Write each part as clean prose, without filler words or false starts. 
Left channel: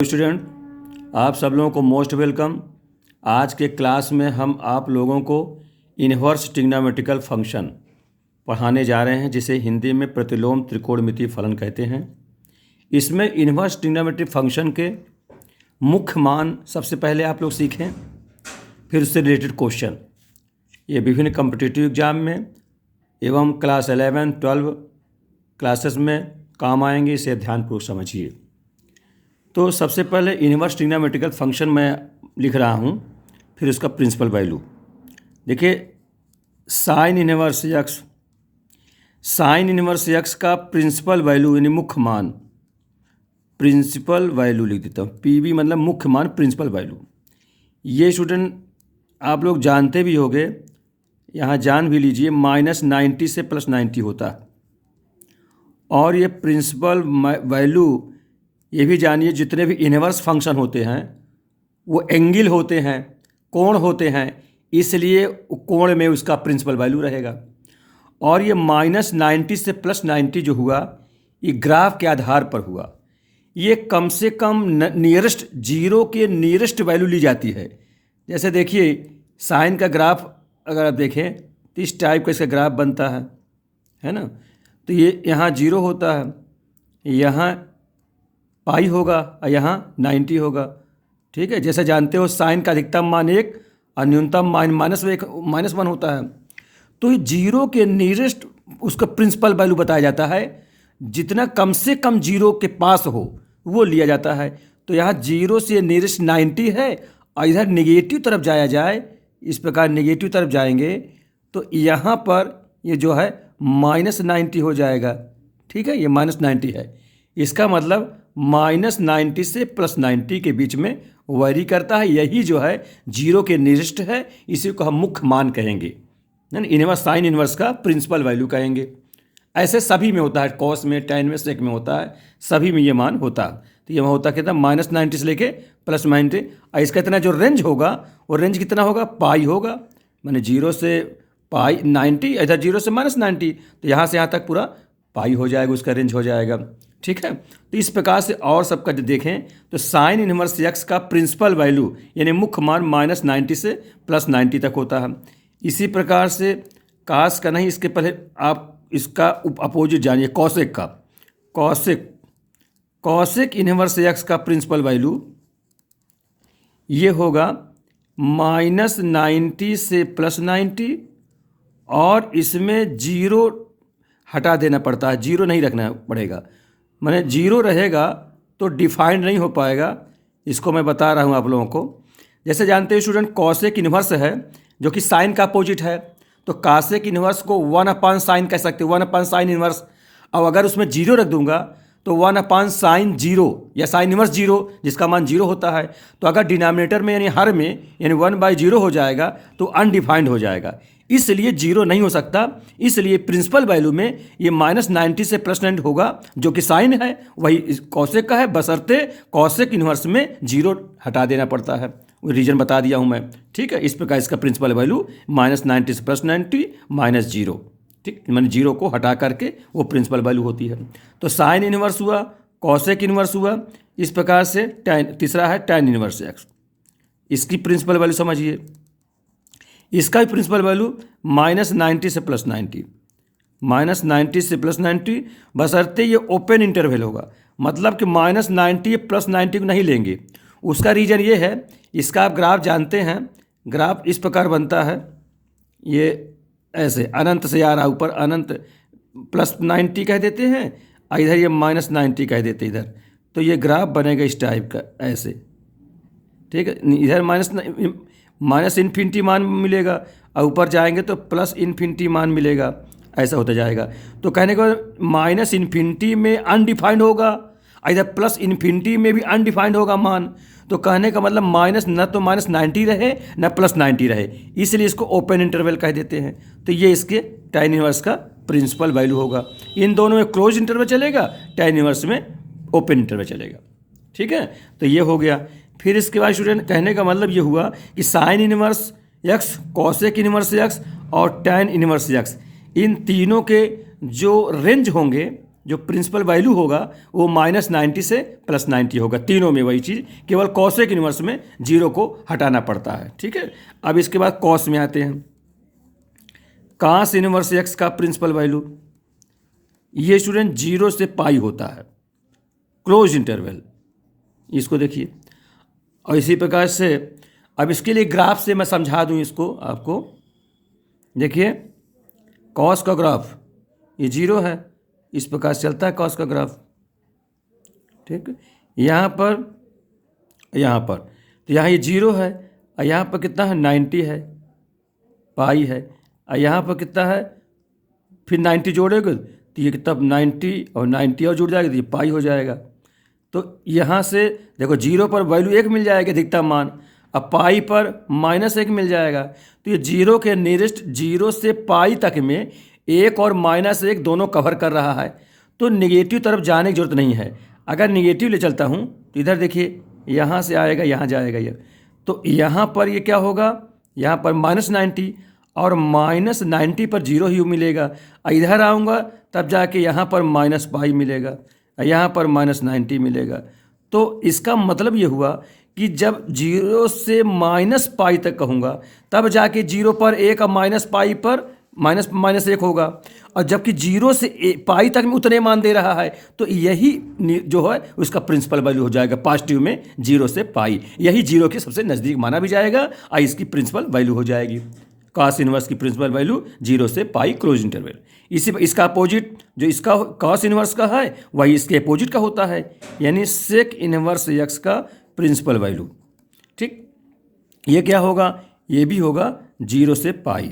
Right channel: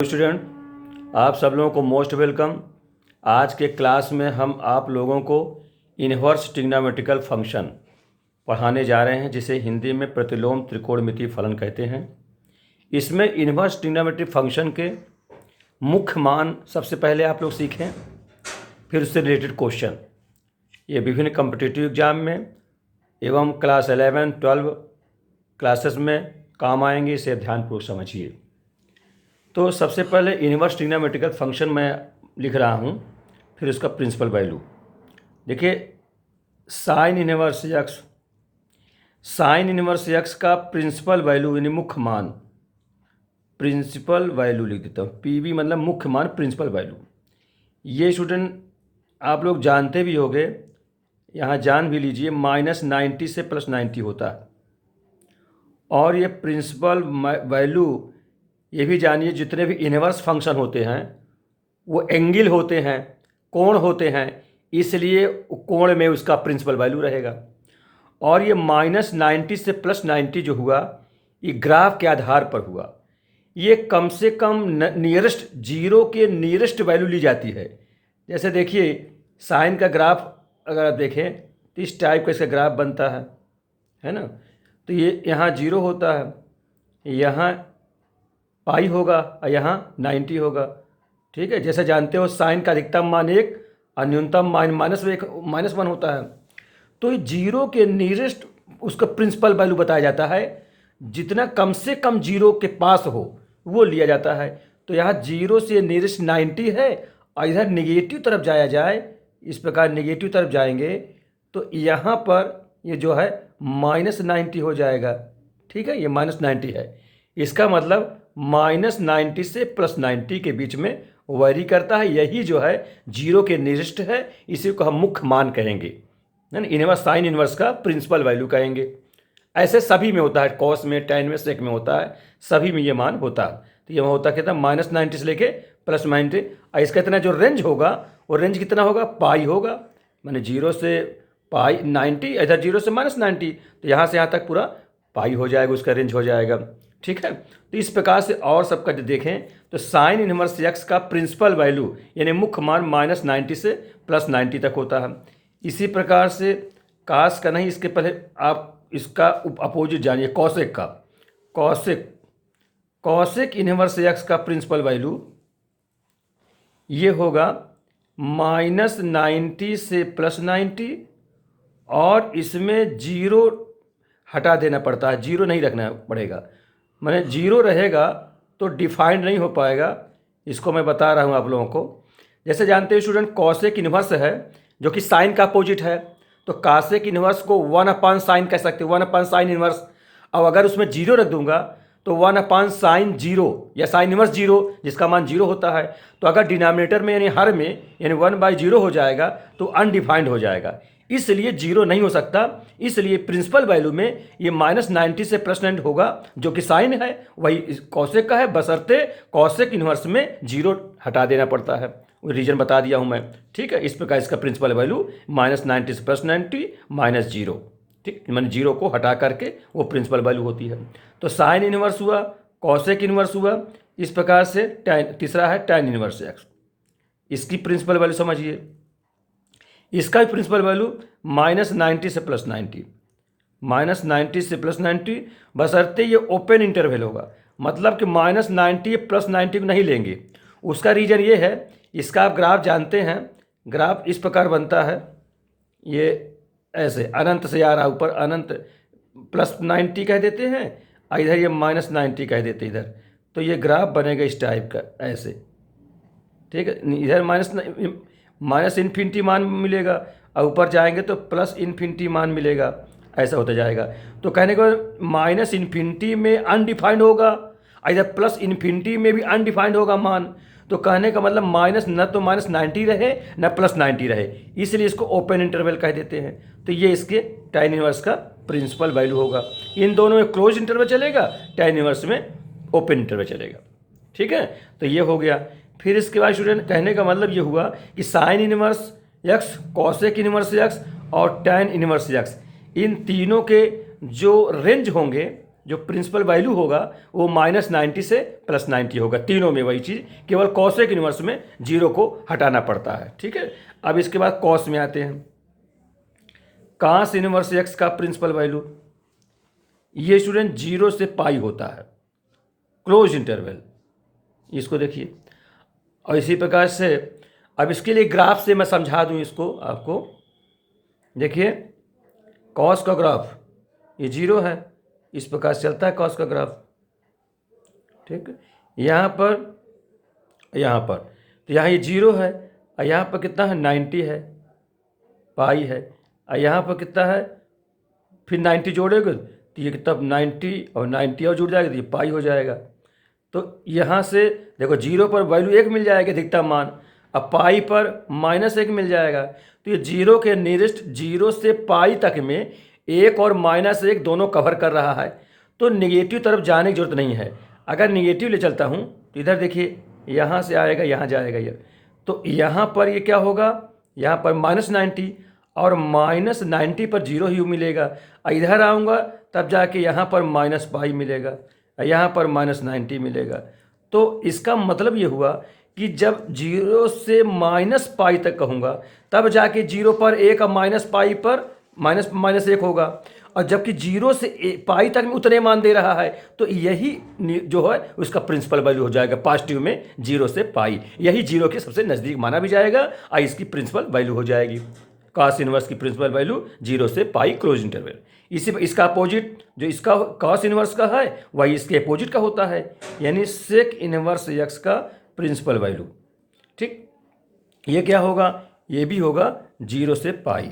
Student, आप सब लोगों को मोस्ट वेलकम। आज के क्लास में हम आप लोगों को इन्वर्स ट्रिग्नोमेट्रिकल फंक्शन पढ़ाने जा रहे हैं, जिसे हिंदी में प्रतिलोम त्रिकोणमितीय फलन कहते हैं। इसमें इन्वर्स ट्रिग्नोमेट्रिक फंक्शन के मुख्य मान सबसे पहले आप लोग सीखें, फिर उससे रिलेटेड क्वेश्चन। ये विभिन्न कॉम्पिटिटिव एग्जाम में एवं क्लास 11, 12 क्लासेस में काम आएंगे, इसे ध्यानपूर्वक समझिए। तो सबसे पहले इन्वर्स ट्रिग्नोमेट्रिकल फंक्शन मैं लिख रहा हूँ, फिर उसका प्रिंसिपल वैल्यू देखिए। साइन इन्वर्स एक्स का प्रिंसिपल वैल्यू यानी मुख्य मान, प्रिंसिपल वैल्यू लिख देता हूँ। पीवी मतलब मुख्य मान, प्रिंसिपल वैल्यू। ये स्टूडेंट आप लोग जानते भी होंगे, यहाँ जान भी लीजिए, -90 से +90 होता है। और ये प्रिंसिपल वैल्यू ये भी जानिए, जितने भी इन्वर्स फंक्शन होते हैं वो एंगल होते हैं, कोण होते हैं, इसलिए कोण में उसका प्रिंसिपल वैल्यू रहेगा। और ये -90 से +90 जो हुआ, ये ग्राफ के आधार पर हुआ। ये कम से कम नियरेस्ट जीरो के नियरेस्ट वैल्यू ली जाती है। जैसे देखिए, साइन का ग्राफ अगर आप देखें तो इस टाइप का इसका ग्राफ बनता है ना। तो ये यहाँ 0 होता है, यहाँ पाई होगा और यहाँ 90 होगा। ठीक है, जैसे जानते हो साइन का अधिकतम मान 1 और न्यूनतम मान -1 होता है। तो जीरो के नियरेस्ट उसका प्रिंसिपल वैल्यू बताया जाता है। जितना कम से कम जीरो के पास हो वो लिया जाता है। तो यहाँ जीरो से नियरेस्ट 90 है, और इधर नेगेटिव तरफ जाया जाए, इस प्रकार नेगेटिव तरफ जाएंगे तो यहाँ पर ये जो है -90 हो जाएगा। ठीक है, ये -90 है। इसका मतलब -90 से +90 के बीच में वैरी करता है। यही जो है जीरो के नियरेस्ट है, इसी को हम मुख्य मान कहेंगे, इन्वर्स साइन इन्वर्स का प्रिंसिपल वैल्यू कहेंगे। ऐसे सभी में होता है, कॉस में, tan में, सेक में होता है, सभी में ये मान होता है। तो ये होता कितना, -90 से लेके +90। और इसका इतना जो रेंज होगा, वो रेंज कितना होगा, पाई होगा। मैंने 0 से पाई 90, इधर 0 से -90, तो यहाँ से यहाँ तक पूरा पाई हो जाएगा, उसका रेंज हो जाएगा। ठीक है, तो इस प्रकार से और सबका जो देखें तो साइन इन्वर्स एक्स का प्रिंसिपल वैल्यू यानी मुख्य मान -90 से +90 तक होता है। इसी प्रकार से कास का नहीं, इसके पहले आप इसका अपोजिट जानिए, कॉसेक का। कॉसेक इन्वर्स एक्स का प्रिंसिपल वैल्यू ये होगा -90 से +90, और इसमें 0 हटा देना पड़ता है, 0 नहीं रखना पड़ेगा। मैंने 0 रहेगा तो डिफाइंड नहीं हो पाएगा। इसको मैं बता रहा हूँ आप लोगों को। जैसे जानते हैं स्टूडेंट, कॉसेक इन्वर्स है जो कि साइन का अपोजिट है, तो कॉसेक इन्वर्स को 1/sin कह सकते हैं, 1/sin इन्वर्स। अब अगर उसमें 0 रख दूंगा तो 1/sin 0 या साइन इन्वर्स 0, जिसका मान 0 होता है। तो अगर डिनोमिनेटर में यानी हर में यानी 1/0 हो जाएगा तो अनडिफाइंड हो जाएगा, इसलिए 0 नहीं हो सकता। इसलिए प्रिंसिपल वैल्यू में ये -90 से +90 होगा, जो कि साइन है, वही कॉसेक का है, बशर्ते कॉसेक इन्वर्स में 0 हटा देना पड़ता है। वो रीजन बता दिया हूँ मैं। ठीक है, इस प्रकार इसका प्रिंसिपल वैल्यू -90 से +90 -0। ठीक, मैंने 0 को हटा करके वो प्रिंसिपल वैल्यू होती है। तो साइन इन्वर्स हुआ, कॉसेक इन्वर्स हुआ, इस प्रकार से तीसरा है tan इन्वर्स एक्स। इसकी प्रिंसिपल वैल्यू समझिए। इसका भी प्रिंसिपल वैल्यू -90 से +90, -90 से +90, बशर्ते ये ओपन इंटरवल होगा। मतलब कि -90 +90 को नहीं लेंगे। उसका रीजन ये है, इसका आप ग्राफ जानते हैं, ग्राफ इस प्रकार बनता है, ये ऐसे अनंत से आ रहा है ऊपर, अनंत +90 कह देते हैं, और इधर ये -90 कह देते हैं इधर। तो ये ग्राफ बनेगा इस टाइप का, ऐसे। ठीक है, इधर -∞ मान मिलेगा, और ऊपर जाएंगे तो +∞ मान मिलेगा, ऐसा होता जाएगा। तो कहने को -∞ में अनडिफाइंड होगा, इधर +∞ में भी अनडिफाइंड होगा मान। तो कहने का मतलब न तो -90 रहे न +90 रहे, इसलिए इसको ओपन इंटरवल कह देते हैं। तो ये इसके tan इन्वर्स का प्रिंसिपल वैल्यू होगा। इन दोनों में क्लोज इंटरवल चलेगा, tan इन्वर्स में ओपन इंटरवल चलेगा। ठीक है, तो ये हो गया। फिर इसके बाद स्टूडेंट कहने का मतलब ये हुआ कि sign inverse x, cosec inverse x और tan इन्वर्स एक्स, इन तीनों के जो रेंज होंगे जो प्रिंसिपल वैल्यू होगा वो -90 से +90 होगा। तीनों में वही चीज़, केवल कॉसेक इन्वर्स में जीरो को हटाना पड़ता है। ठीक है, अब इसके बाद कॉस में आते हैं। कॉस इन्वर्स एक्स का प्रिंसिपल वैल्यू, ये स्टूडेंट 0 से पाई होता है, क्लोज इंटरवल, इसको देखिए। और इसी प्रकार से अब इसके लिए ग्राफ से मैं समझा दूं इसको आपको। देखिए कॉस का ग्राफ ये 0 है, इस प्रकार से चलता है कॉस का ग्राफ। ठीक है, यहाँ पर तो यहाँ ये 0 है, और यहाँ पर कितना है 90 है, पाई है, और यहाँ पर कितना है, फिर 90 जोड़ेगा तो ये कितना 90 और 90 और जुड़ जाएगा तो ये पाई हो जाएगा। तो यहाँ से देखो 0 पर वैल्यू 1 मिल जाएगा अधिकतम मान, अब पाई पर -1 मिल जाएगा। तो ये 0 के नियरेस्ट 0 से पाई तक में 1 और -1 दोनों कवर कर रहा है, तो निगेटिव तरफ जाने की जरूरत नहीं है। अगर निगेटिव ले चलता हूँ तो इधर देखिए, यहाँ से आएगा यहाँ जाएगा ये, तो यहाँ पर ये क्या होगा, यहाँ पर -90 और -90 पर 0 ही मिलेगा। इधर आऊँगा तब जाके यहाँ पर -पाई मिलेगा, यहाँ पर -90 मिलेगा। तो इसका मतलब ये हुआ कि जब 0 से -पाई तक कहूँगा तब जाके 0 पर 1 और -पाई पर -1 होगा, और जबकि 0 से पाई तक में उतने मान दे रहा है, तो यही जो है उसका प्रिंसिपल वैल्यू हो जाएगा पॉजिटिव में 0 से पाई, यही 0 के सबसे नज़दीक माना भी जाएगा और इसकी प्रिंसिपल वैल्यू हो जाएगी। कॉस इनवर्स की प्रिंसिपल वैल्यू 0 से पाई क्लोज इंटरवल। इसी इसका अपोजिट जो इसका कॉस इनवर्स का है वही इसके अपोजिट का होता है, यानी सेक इनवर्स एक्स का प्रिंसिपल वैल्यू। ठीक, ये क्या होगा, ये भी होगा 0 से पाई।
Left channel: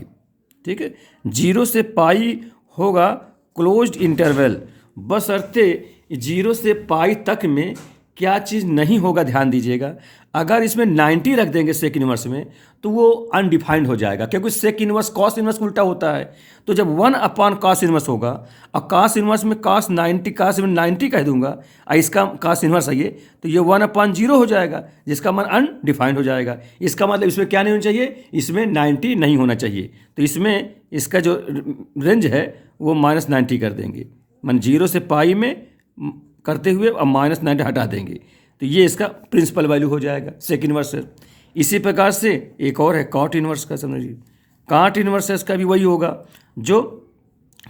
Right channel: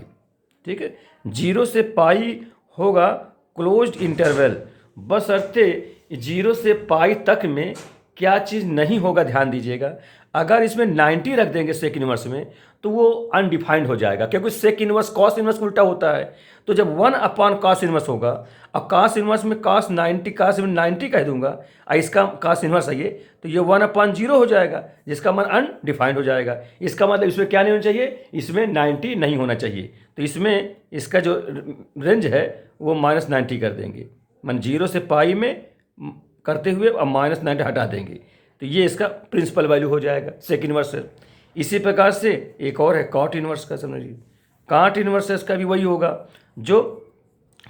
ठीक है, 0 से पाई होगा क्लोज्ड इंटरवल, बशर्ते 0 से पाई तक में क्या चीज़ नहीं होगा, ध्यान दीजिएगा। अगर इसमें 90 रख देंगे सेक इनवर्स में तो वो अनडिफाइंड हो जाएगा, क्योंकि सेक इनवर्स कॉस इनवर्स उल्टा होता है। तो जब 1 कॉस इनवर्स होगा, और कॉस इनवर्स में कॉस 90 कह दूंगा, और इसका कॉस इनवर्स है ये, तो ये 1/0 हो जाएगा, जिसका मान अनडिफाइंड हो जाएगा। इसका मतलब इसमें क्या नहीं होना चाहिए, इसमें 90 नहीं होना चाहिए। तो इसमें इसका जो रेंज है वो -90 कर देंगे, मान 0 से पाई में करते हुए अब -90 हटा देंगे, तो ये इसका प्रिंसिपल वैल्यू हो जाएगा सेक इनवर्स है। इसी प्रकार से एक और है कॉट इनवर्स का, समझिए। कॉट इनवर्स इसका भी वही होगा जो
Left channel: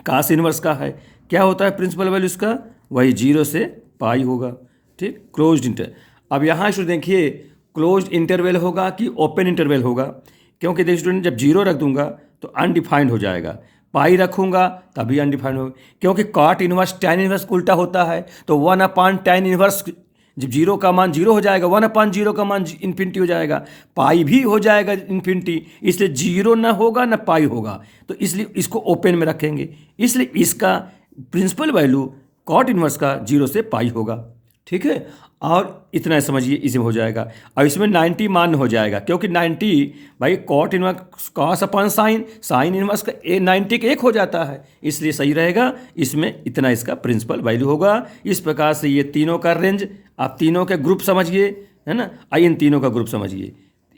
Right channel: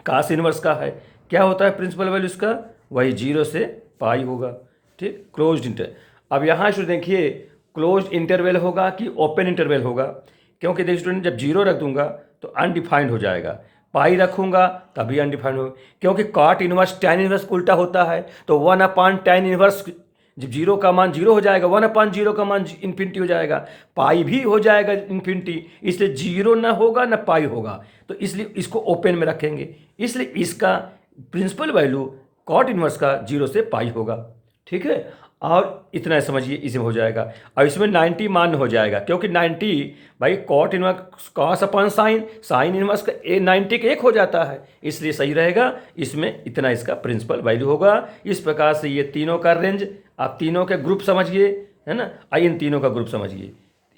कॉस इनवर्स का है। क्या होता है प्रिंसिपल वैल्यू इसका, वही 0 से पाई होगा। ठीक, क्लोज्ड इंटर। अब यहाँ से देखिए क्लोज्ड इंटरवल होगा कि ओपन इंटरवल होगा, क्योंकि देखिए स्टूडेंट जब 0 रख दूंगा तो अनडिफाइंड हो जाएगा, पाई रखूंगा तभी अनडिफाइंड होगा, क्योंकि कॉट इनवर्स टैन इनवर्स उल्टा होता है। तो 1/tan इनवर्स, जब 0 का मान 0 हो जाएगा, 1/0 का मान इन्फिनिटी हो जाएगा, पाई भी हो जाएगा इन्फिनिटी, इसलिए 0 ना होगा ना पाई होगा, तो इसलिए इसको ओपन में रखेंगे। इसलिए इसका प्रिंसिपल वैल्यू कॉट इनवर्स का 0 से पाई होगा। ठीक है, और इतना समझिए इसमें हो जाएगा। और इसमें 90 मान हो जाएगा, क्योंकि 90 भाई कॉट इनवर्स कॉस अपन साइन इनवर्स का 90 का 1 हो जाता है, इसलिए सही रहेगा। इसमें इतना इसका प्रिंसिपल वैल्यू होगा। इस प्रकार से ये तीनों का रेंज, आप तीनों के ग्रुप समझिए, है ना, इन तीनों का ग्रुप समझिए।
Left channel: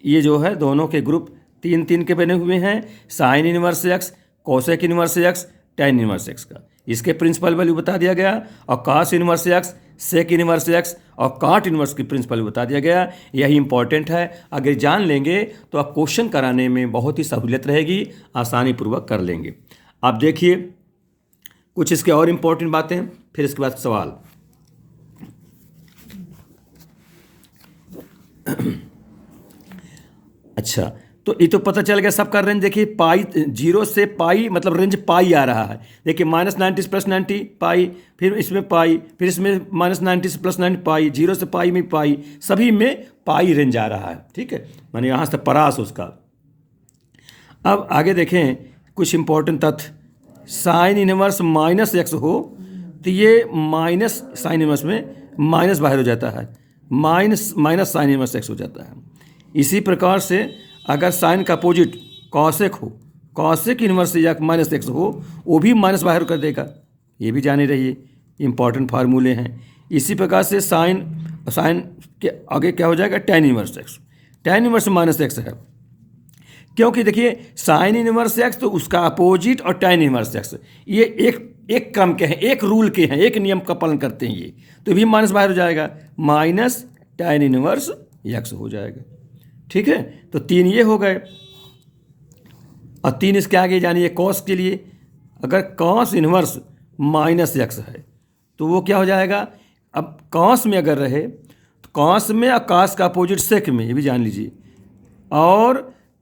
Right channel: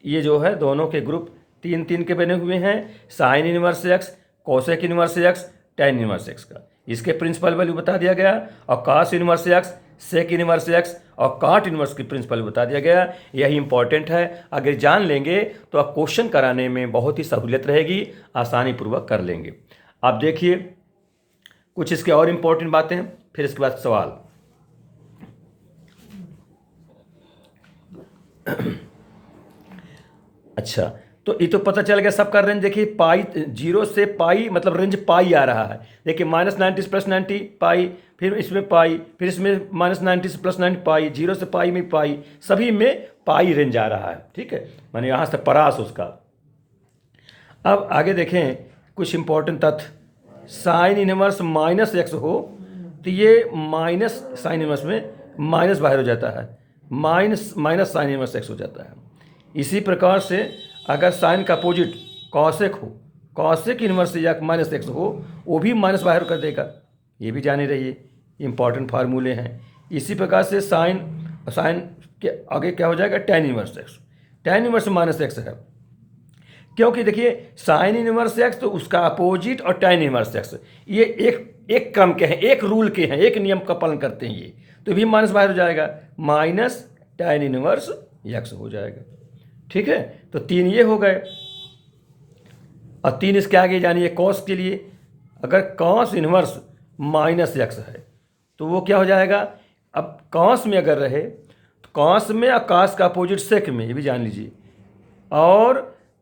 ये जो है दोनों के ग्रुप 3 के बने हुए हैं, sine inverse x, cosec inverse x, tan inverse x का। इसके प्रिंसिपल वैल्यू बता दिया गया, और cos inverse x, sec inverse x और कॉट इनवर्स की प्रिंसिपल बता दिया गया। यही इंपॉर्टेंट है, अगर जान लेंगे तो आप क्वेश्चन कराने में बहुत ही सहूलियत रहेगी, आसानी पूर्वक कर लेंगे। आप देखिए कुछ इसके और इम्पोर्टेंट बातें, फिर इसके बाद सवाल। अच्छा, तो ये तो पता चल गया सबका रेंज। देखिए पाई 0 से पाई मतलब रेंज पाई आ रहा है। देखिए -90 से +90 पाई, फिर इसमें पाई, फिर इसमें -90 से +90 पाई, 0 से पाई में पाई, सभी में पाई रेंज आ रहा है। ठीक है, मैंने यहाँ से परास उसका। अब आगे देखें कुछ इंपॉर्टेंट तथ्य। साइन इनवर्स -x हो तो ये माइनस साइन इनवर्स में माइनस बाहर हो जाता है, माइनस साइन इनवर्स x हो जाता है। इसी प्रकार से अगर साइन का अपोजिट कॉसेक हो, कॉसेक इनवर्स या -x हो, वो भी माइनस बाहर कर देगा, ये भी जाने रहिए, इंपॉर्टेंट फार्मूले हैं। इसी प्रकार से साइन के आगे क्या हो जाएगा, tan inverse x, tan inverse -x है, क्योंकि देखिए साइन इनवर्स x तो उसका अपोजिट और टैन इनवर्स x, ये एक क्रम के हैं, एक रूल के हैं, एक नियम का पालन करते हैं ये, तो भी माइनस बाहर हो जाएगा, माइनस tan इनवर्स x हो जाएगा। ठीक है, तो 3 ये हो गए, और 3 इसके आगे जानिए कॉस के लिए, अगर कॉस इनवर्स माइनस x है तो वो क्या हो जाएगा, अब कॉस में अगर रहे तो कॉस में और कॉस का अपोजिट सेक में, ये भी जान लीजिए, और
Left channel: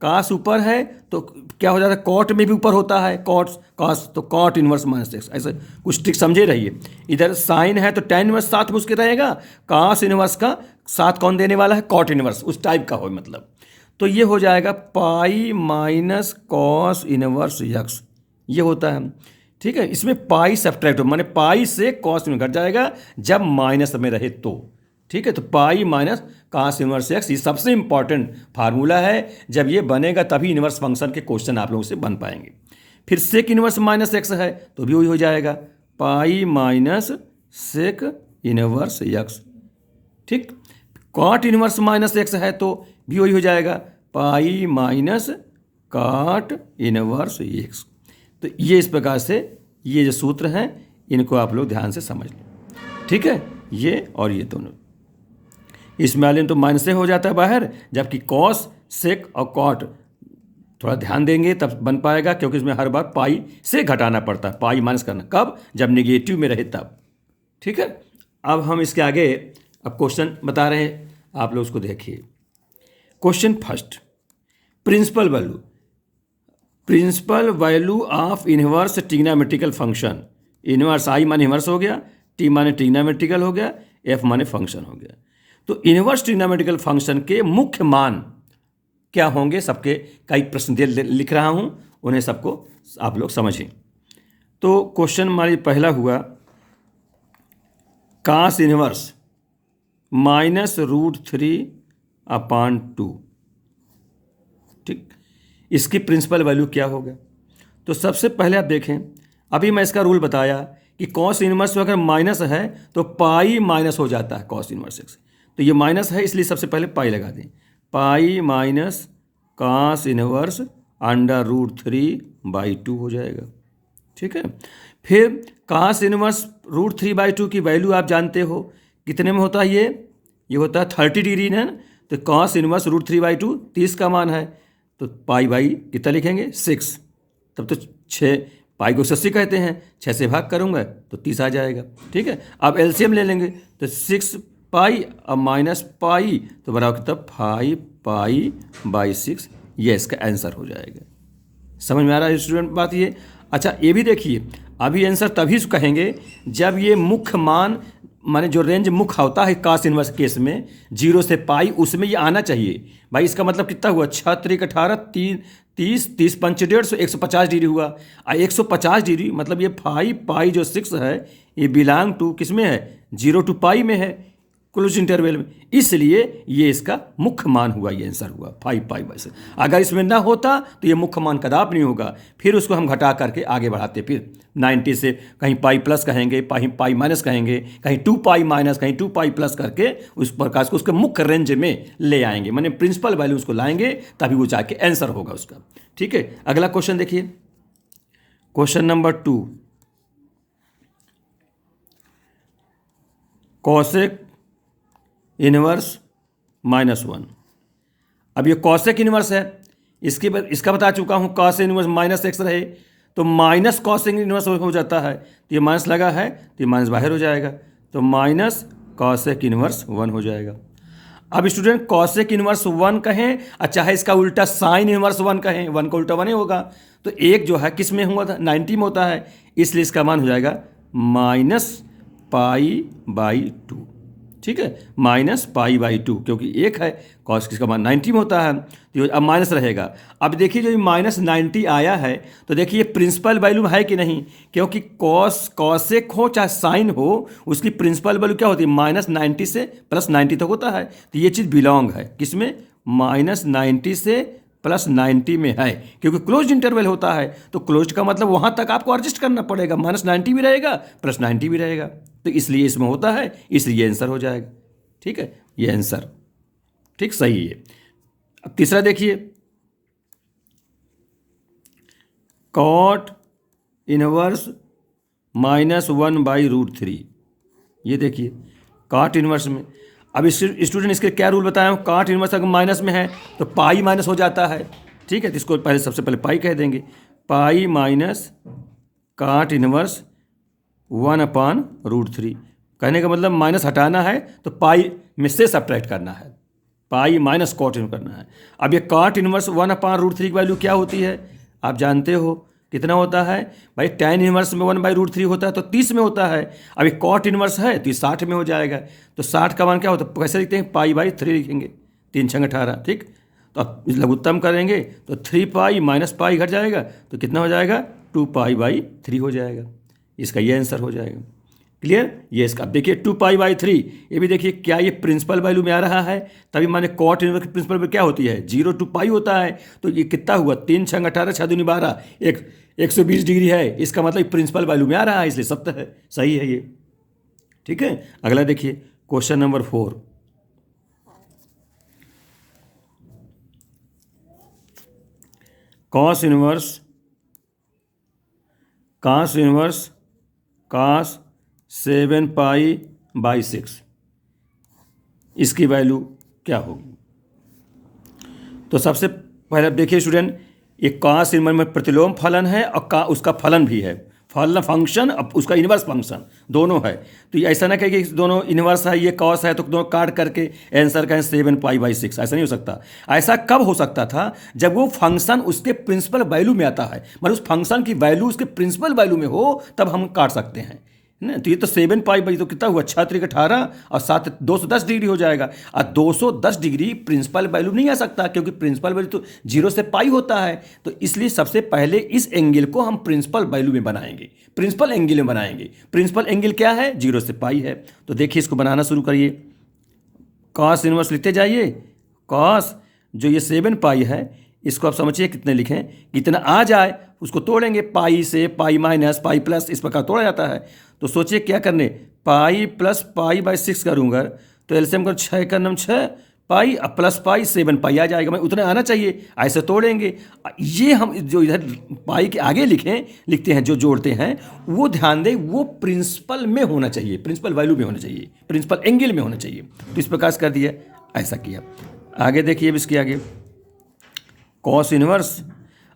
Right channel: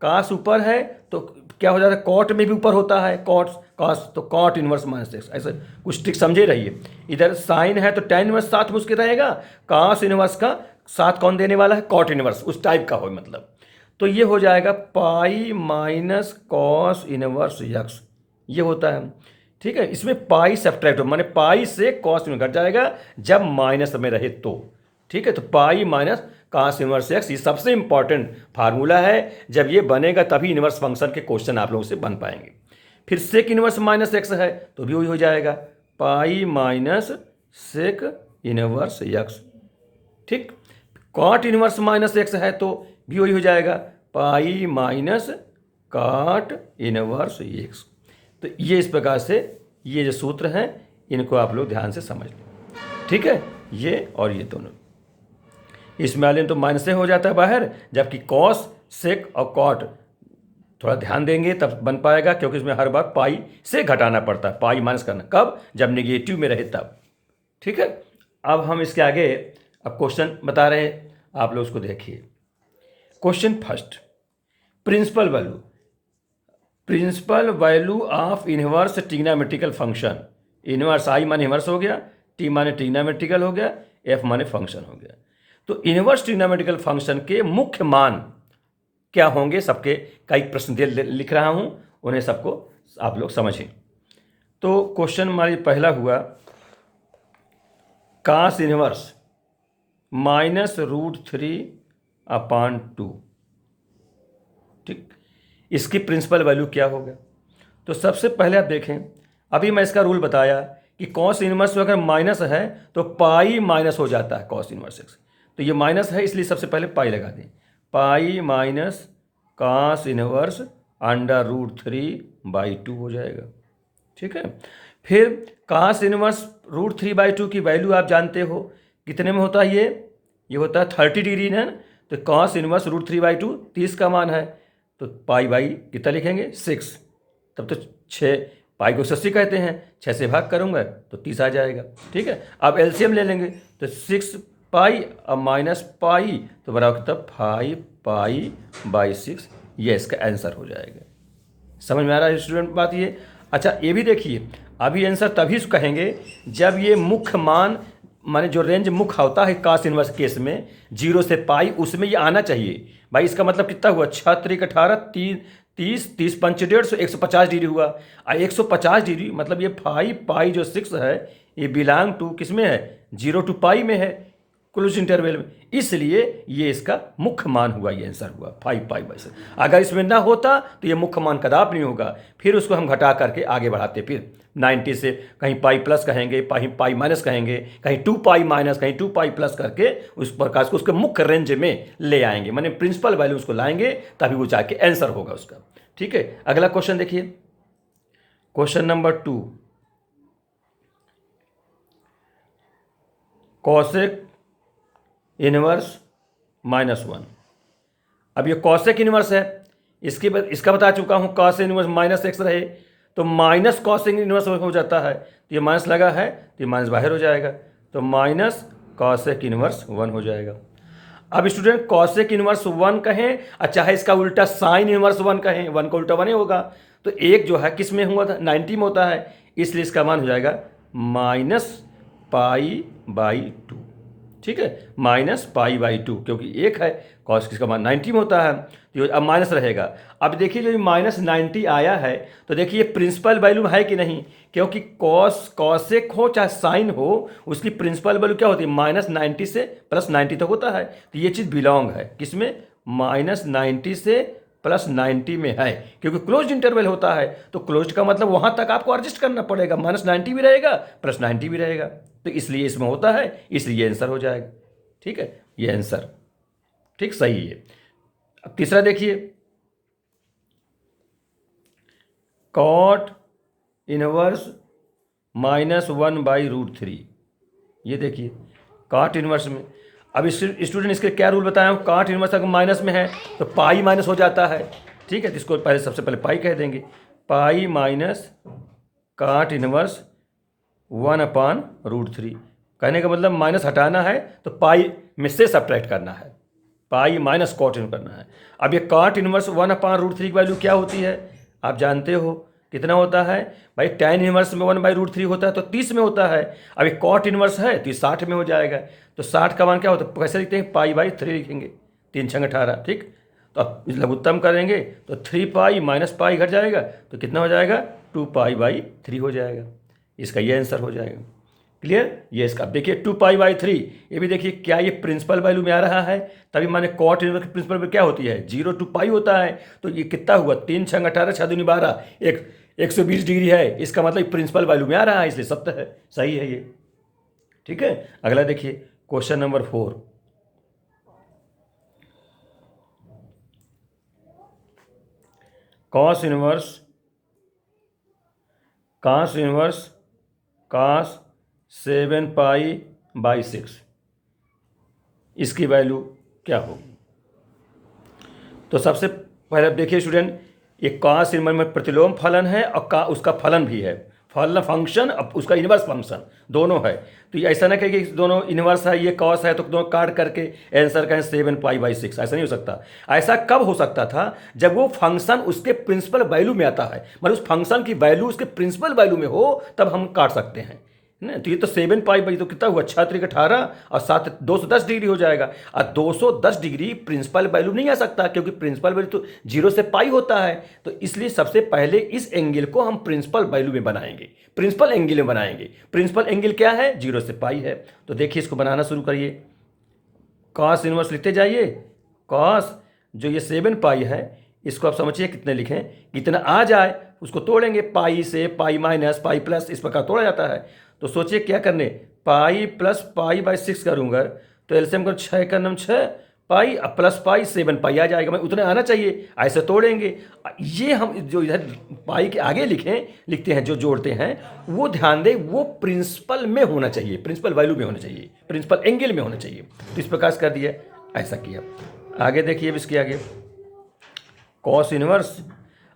कॉस ऊपर है तो क्या हो जाता है, कॉट में भी ऊपर होता है, कॉट कॉस, तो कॉट इनवर्स माइनस एक्स, ऐसे कुछ ट्रिक समझे रहिए। इधर साइन है तो tan इनवर्स साथ में उसके रहेगा, कॉस इनवर्स का साथ कौन देने वाला है, कॉट इनवर्स, उस टाइप का हो मतलब। तो ये हो जाएगा pi minus cos inverse x, ये होता है। ठीक है, इसमें पाई सब्ट्रैक्ट हो, माने पाई से कॉस में घट जाएगा जब माइनस में रहे तो। ठीक है, तो pi minus cos inverse x, ये सबसे इंपॉर्टेंट फार्मूला है, जब ये बनेगा तभी इनवर्स फंक्शन के क्वेश्चन आप लोगों से बन पाएंगे। फिर सेक इनवर्स माइनस एक्स है तो भी वही हो जाएगा, pi minus sec inverse x. ठीक, कॉट इनवर्स माइनस एक्स है तो भी वही हो जाएगा, pi minus cot inverse x. तो ये इस प्रकार से ये जो सूत्र हैं इनको आप लोग ध्यान से समझ लो। ठीक है, ये और ये दोनों, इसमें वाले तो माइनस से हो जाता है बाहर, जबकि कॉस सेक और कॉट थोड़ा ध्यान देंगे तब बन पाएगा, क्योंकि इसमें हर बार पाई से घटाना पड़ता है, पाई माइनस करना कब, जब नेगेटिव में रहे तब। ठीक है, अब हम इसके आगे अब क्वेश्चन बता रहे हैं, आप लोग उसको देखिए। Question first, principal value, principal value of inverse trigonometrical function, inverse आई माने इनवर्स हो गया, टी माने ट्रिग्नोमेट्रिकल हो गया, एफ माने फंक्शन हो गया। तो इनवर्स ट्रिग्नोमेट्रिकल फंक्शन के मुख्य मान क्या होंगे, सबके कई प्रश्न लिख रहा हूं, उन्हें सबको आप लोग समझें। तो क्वेश्चन हमारी पहला हुआ, कास इनवर्स -√3/2। ठीक, इसकी प्रिंसिपल वैल्यू क्या होगा। तो सबसे पहले आप देखें, अभी मैं इसका रूल बताया कि कॉस इनवर्स अगर माइनस है तो पाई माइनस हो जाता है कॉस इनवर्स एक्स, तो ये माइनस है इसलिए सबसे पहले पाई लगा दें, पाई माइनस कॉस इनवर्स √3/2 हो जाएगा। ठीक है, फिर कॉस इनवर्स √3/2 की वैल्यू आप जानते हो कितने में होता है, ये होता है 30 डिग्री ना, तो कॉस इनवर्स √3/2 30 का मान है, तो पाई बाई कितना लिखेंगे 6, तब तो 6, पाई को 80 कहते हैं, 6 से भाग करूँगा तो 30 आ जाएगा। ठीक है, अब एलसीएम ले लेंगे तो 6 पाई अब माइनस पाई तो बराबर तब 5 पाई बाई 6, ये इसका आंसर हो जाएगा। समझ में आ रहा है स्टूडेंट बात ये। अच्छा ये भी देखिए, अभी आंसर तभी कहेंगे जब ये मुख्य मान, माने जो रेंज मुख्य होता है कास इनवर्स केस में 0 से पाई, उसमें ये आना चाहिए। भाई इसका मतलब कितना हुआ, 6 3 18 30 30 5 150 150 डिग्री हुआ, 150 डिग्री मतलब ये 5 पाई जो 6 है ये बिलोंग टू किस में है, 0 to पाई में है, क्लोज इंटरवल में, इसलिए ये इसका मुख्य मान हुआ, ये आंसर हुआ 5 पाई बाई 6। अगर इसमें ना होता तो ये मुख्य मान कदाप नहीं होगा, फिर उसको हम घटा करके आगे बढ़ाते, फिर 90 से कहीं पाई प्लस कहेंगे, कहीं पाई माइनस कहेंगे, कहीं 2 पाई माइनस, कहीं 2 पाई प्लस करके उस प्रकार को उसके मुख्य रेंज में ले आएंगे, माने प्रिंसिपल वैल्यू उसको लाएंगे, तभी वो जाके आंसर होगा उसका। ठीक है, अगला क्वेश्चन देखिए, क्वेश्चन नंबर 2, कॉसेक इनवर्स -1। अब ये कॉसेक इनवर्स है, इसका बता चुका हूँ, कॉस इनवर्स -x रहे तो माइनस कॉसेक इनवर्स हो जाता है, तो ये माइनस लगा है तो ये माइनस बाहर हो जाएगा, तो माइनस कॉसेक इनवर्स 1 हो जाएगा। अब स्टूडेंट कॉसेक इनवर्स 1 कहें, अच्छा है इसका उल्टा साइन इनवर्स 1 कहें, 1 का उल्टा 1 ही होगा, तो एक जो है किस में हुआ था, 90 में होता है, इसलिए इसका मान हो जाएगा -π/2। ठीक है, -π/2, क्योंकि एक है कॉस किसका मान 90 में होता है, तो अब माइनस रहेगा। अब देखिए जो -90 आया है तो देखिए प्रिंसिपल वैल्यू है कि नहीं, क्योंकि कॉसेक हो चाहे साइन हो उसकी प्रिंसिपल वैल्यू क्या होती है, -90 से +90 तक होता है, तो ये चीज़ बिलोंग है किसमें, -90 से +90 में है, क्योंकि क्लोज इंटरवल होता है, तो क्लोज का मतलब वहाँ तक आपको एडजस्ट करना पड़ेगा, -90 भी रहेगा +90 भी रहेगा, तो इसलिए इसमें होता है, इसलिए आंसर हो जाएगा। ठीक है, ये आंसर ठीक सही है। अब तीसरा देखिए, कॉट इनवर्स -1/√3। ये देखिए काट इनवर्स में। अब स्टूडेंट इसके क्या रूल बताया हूँ, काट इनवर्स अगर माइनस में है तो पाई माइनस हो जाता है, ठीक है। तो इसको पहले सबसे पहले पाई कह देंगे, पाई माइनस काट इनवर्स 1/√3। कहने का मतलब माइनस हटाना है तो पाई में से सब्ट्रैक्ट करना है, पाई माइनस कॉट इनवर्स करना है। अब ये काट इनवर्स 1/√3 की वैल्यू क्या होती है आप जानते हो, कितना होता है भाई, tan इनवर्स में 1/√3 होता है तो 30 में होता है। अब ये कॉट इनवर्स है तो ये 60 में हो जाएगा। तो 60 का मान क्या होता है, कैसे लिखते हैं, पाई/3 लिखेंगे, 3 छंग 18, ठीक। तो अब लघुत्तम करेंगे तो 3 पाई माइनस पाई घट जाएगा तो कितना हो जाएगा, 2 पाई/3 हो जाएगा। इसका ये आंसर हो जाएगा। क्लियर। ये इसका अब देखिए 2 पाई/3, ये भी देखिए क्या ये प्रिंसिपल वैल्यू में आ रहा है, तभी माने कॉट इनवर्स की प्रिंसिपल वैल्यू क्या होती है, 0 to पाई होता है। तो ये कितना हुआ, 3 छंग 18 6 दूनी 12, 120 डिग्री है। इसका मतलब प्रिंसिपल वैल्यू में आ रहा है, इसलिए सत्य है, सही है ये, ठीक है। अगला देखिए question number 4। Cos inverse cos 7 पाई/6, इसकी वैल्यू क्या होगी। तो सबसे पहले देखिए स्टूडेंट, ये कॉस इनवर्स में प्रतिलोम फलन है और उसका फलन भी है, फलन फंक्शन अब उसका इनवर्स फंक्शन दोनों है। तो ये ऐसा ना कहे कि दोनों इनवर्स है, ये कॉस है तो दोनों काट करके आंसर कहें 7 पाई/6, ऐसा नहीं हो सकता। ऐसा कब हो सकता था, जब वो फंक्शन उसके प्रिंसिपल वैल्यू में आता है, मतलब उस फंक्शन की वैल्यू उसके प्रिंसिपल वैल्यू में हो, तब हम काट सकते हैं ना। तो ये तो 7 पाई तो कितना हुआ, 6×3 = 18 और 7 210 डिग्री हो जाएगा। और 210 डिग्री प्रिंसिपल वैल्यू नहीं आ सकता, क्योंकि प्रिंसिपल वैल्यू तो 0 से पाई होता है। तो इसलिए सबसे पहले इस एंगल को हम प्रिंसिपल वैल्यू में बनाएंगे, प्रिंसिपल एंगल में बनाएंगे। प्रिंसिपल एंगल क्या है, 0 से पाई है। तो देखिए इसको बनाना शुरू करिए, कॉस इनवर्स लिखते जाइए। कॉस जो ये 7 पाई है, इसको आप समझिए कितने लिखें, कितना आ जाए उसको तोड़ेंगे, पाई से पाई माइनस पाई प्लस, इस प्रकार तोड़ा जाता है। तो सोचिए क्या करने, पाई प्लस पाई/6 करूँगा तो एलसीएम कर 6 का नम 6 पाई अब प्लस पाई 7 पाई आ जाएगा, मैं उतने आना चाहिए, ऐसे तोड़ेंगे। ये हम जो इधर पाई के आगे लिखते हैं, जो जोड़ते हैं, वो ध्यान दें वो प्रिंसिपल में होना चाहिए, प्रिंसिपल वैल्यू में होना चाहिए, प्रिंसिपल एंगल में होना चाहिए। तो इस प्रकार से कर दिया, ऐसा किया। आगे देखिए अब इसके आगे कॉस इनवर्स,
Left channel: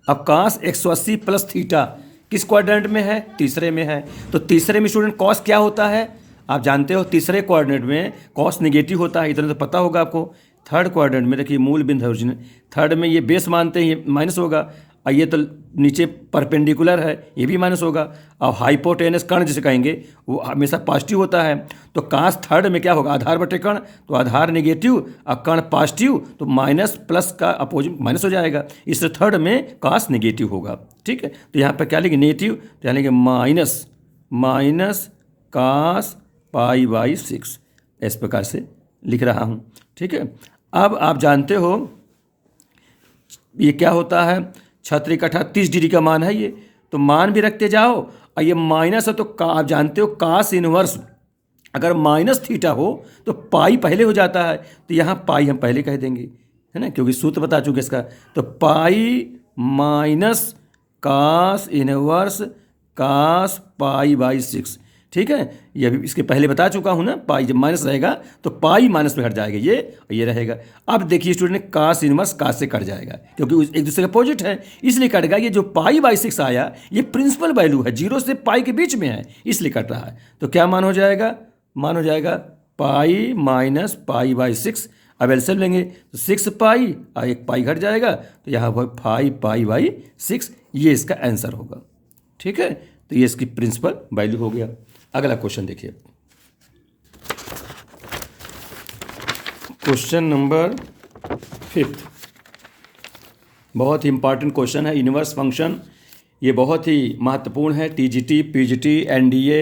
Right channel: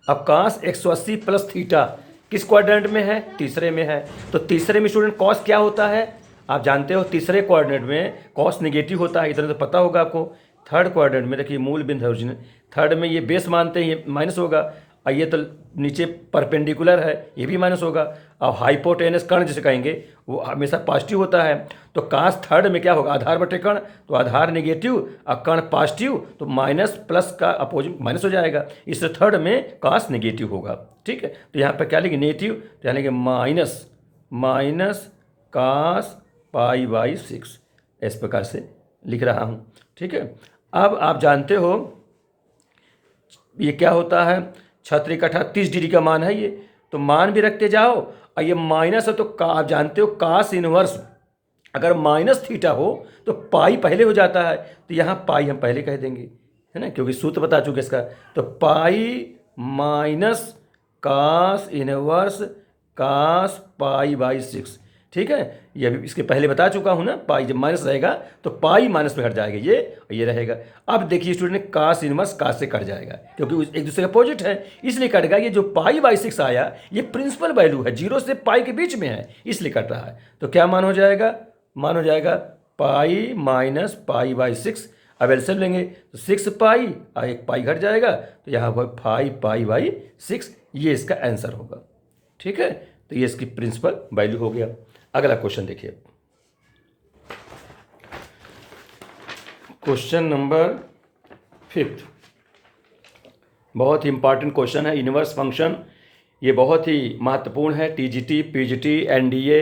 अब कॉस 180 प्लस थीटा किस क्वाड्रेंट में है, तीसरे में है। तो तीसरे में स्टूडेंट कॉस क्या होता है आप जानते हो, तीसरे क्वाड्रेंट में कॉस नेगेटिव होता है, इतना तो पता होगा आपको। थर्ड क्वाड्रेंट में देखिए मूल बिंदु ओरिजिन, थर्ड में ये बेस मानते हैं, ये माइनस होगा, और ये तो नीचे परपेंडिकुलर है, ये भी माइनस होगा। और हाइपोटेनस कर्ण जिसे कहेंगे वो हमेशा पॉजिटिव होता है। तो काश थर्ड में क्या होगा, आधार बटे कर्ण, तो आधार नेगेटिव और कर्ण पॉजिटिव, तो माइनस प्लस का अपोजिट माइनस हो जाएगा, इसलिए थर्ड में काश नेगेटिव होगा, ठीक है। तो यहाँ पर क्या लिखेंगे, नेगेटिव, तो यहाँ लिखेंगे माइनस काश पाई/6, इस प्रकार से लिख रहा हूँ, ठीक है। अब आप जानते हो ये क्या होता है, 6×3 = 30 डिग्री का मान है ये, तो मान भी रखते जाओ, और ये माइनस है तो आप जानते हो कास इनवर्स अगर माइनस थीटा हो तो पाई पहले हो जाता है, तो यहाँ पाई हम पहले कह देंगे, है ना, क्योंकि सूत्र बता चुके इसका। तो पाई माइनस कास इनवर्स कास पाई/6, ठीक है। ये भी इसके पहले बता चुका हूँ ना, पाई जब माइनस रहेगा तो पाई माइनस में हट जाएगा, ये रहेगा। अब देखिए स्टूडेंट, कास इनवर्स कास से कट जाएगा, क्योंकि एक दूसरे का अपोजिट है, इसलिए कट गया। ये जो पाई/6 आया ये प्रिंसिपल वैल्यू है, 0 से पाई के बीच में है, इसलिए कट रहा है। तो क्या मान हो जाएगा, मान हो जाएगा पाई माइनस पाई/6। अब एलसीएम लेंगे तो 6 पाई और 1 पाई घट जाएगा, तो यहाँ 5 पाई/6, ये इसका आंसर होगा, ठीक है। तो ये इसकी प्रिंसिपल वैल्यू हो गया। अगला क्वेश्चन देखिए, क्वेश्चन नंबर 5, बहुत ही इंपॉर्टेंट क्वेश्चन है, इनवर्स फंक्शन। ये बहुत ही महत्वपूर्ण है, TGT, PGT, NDA,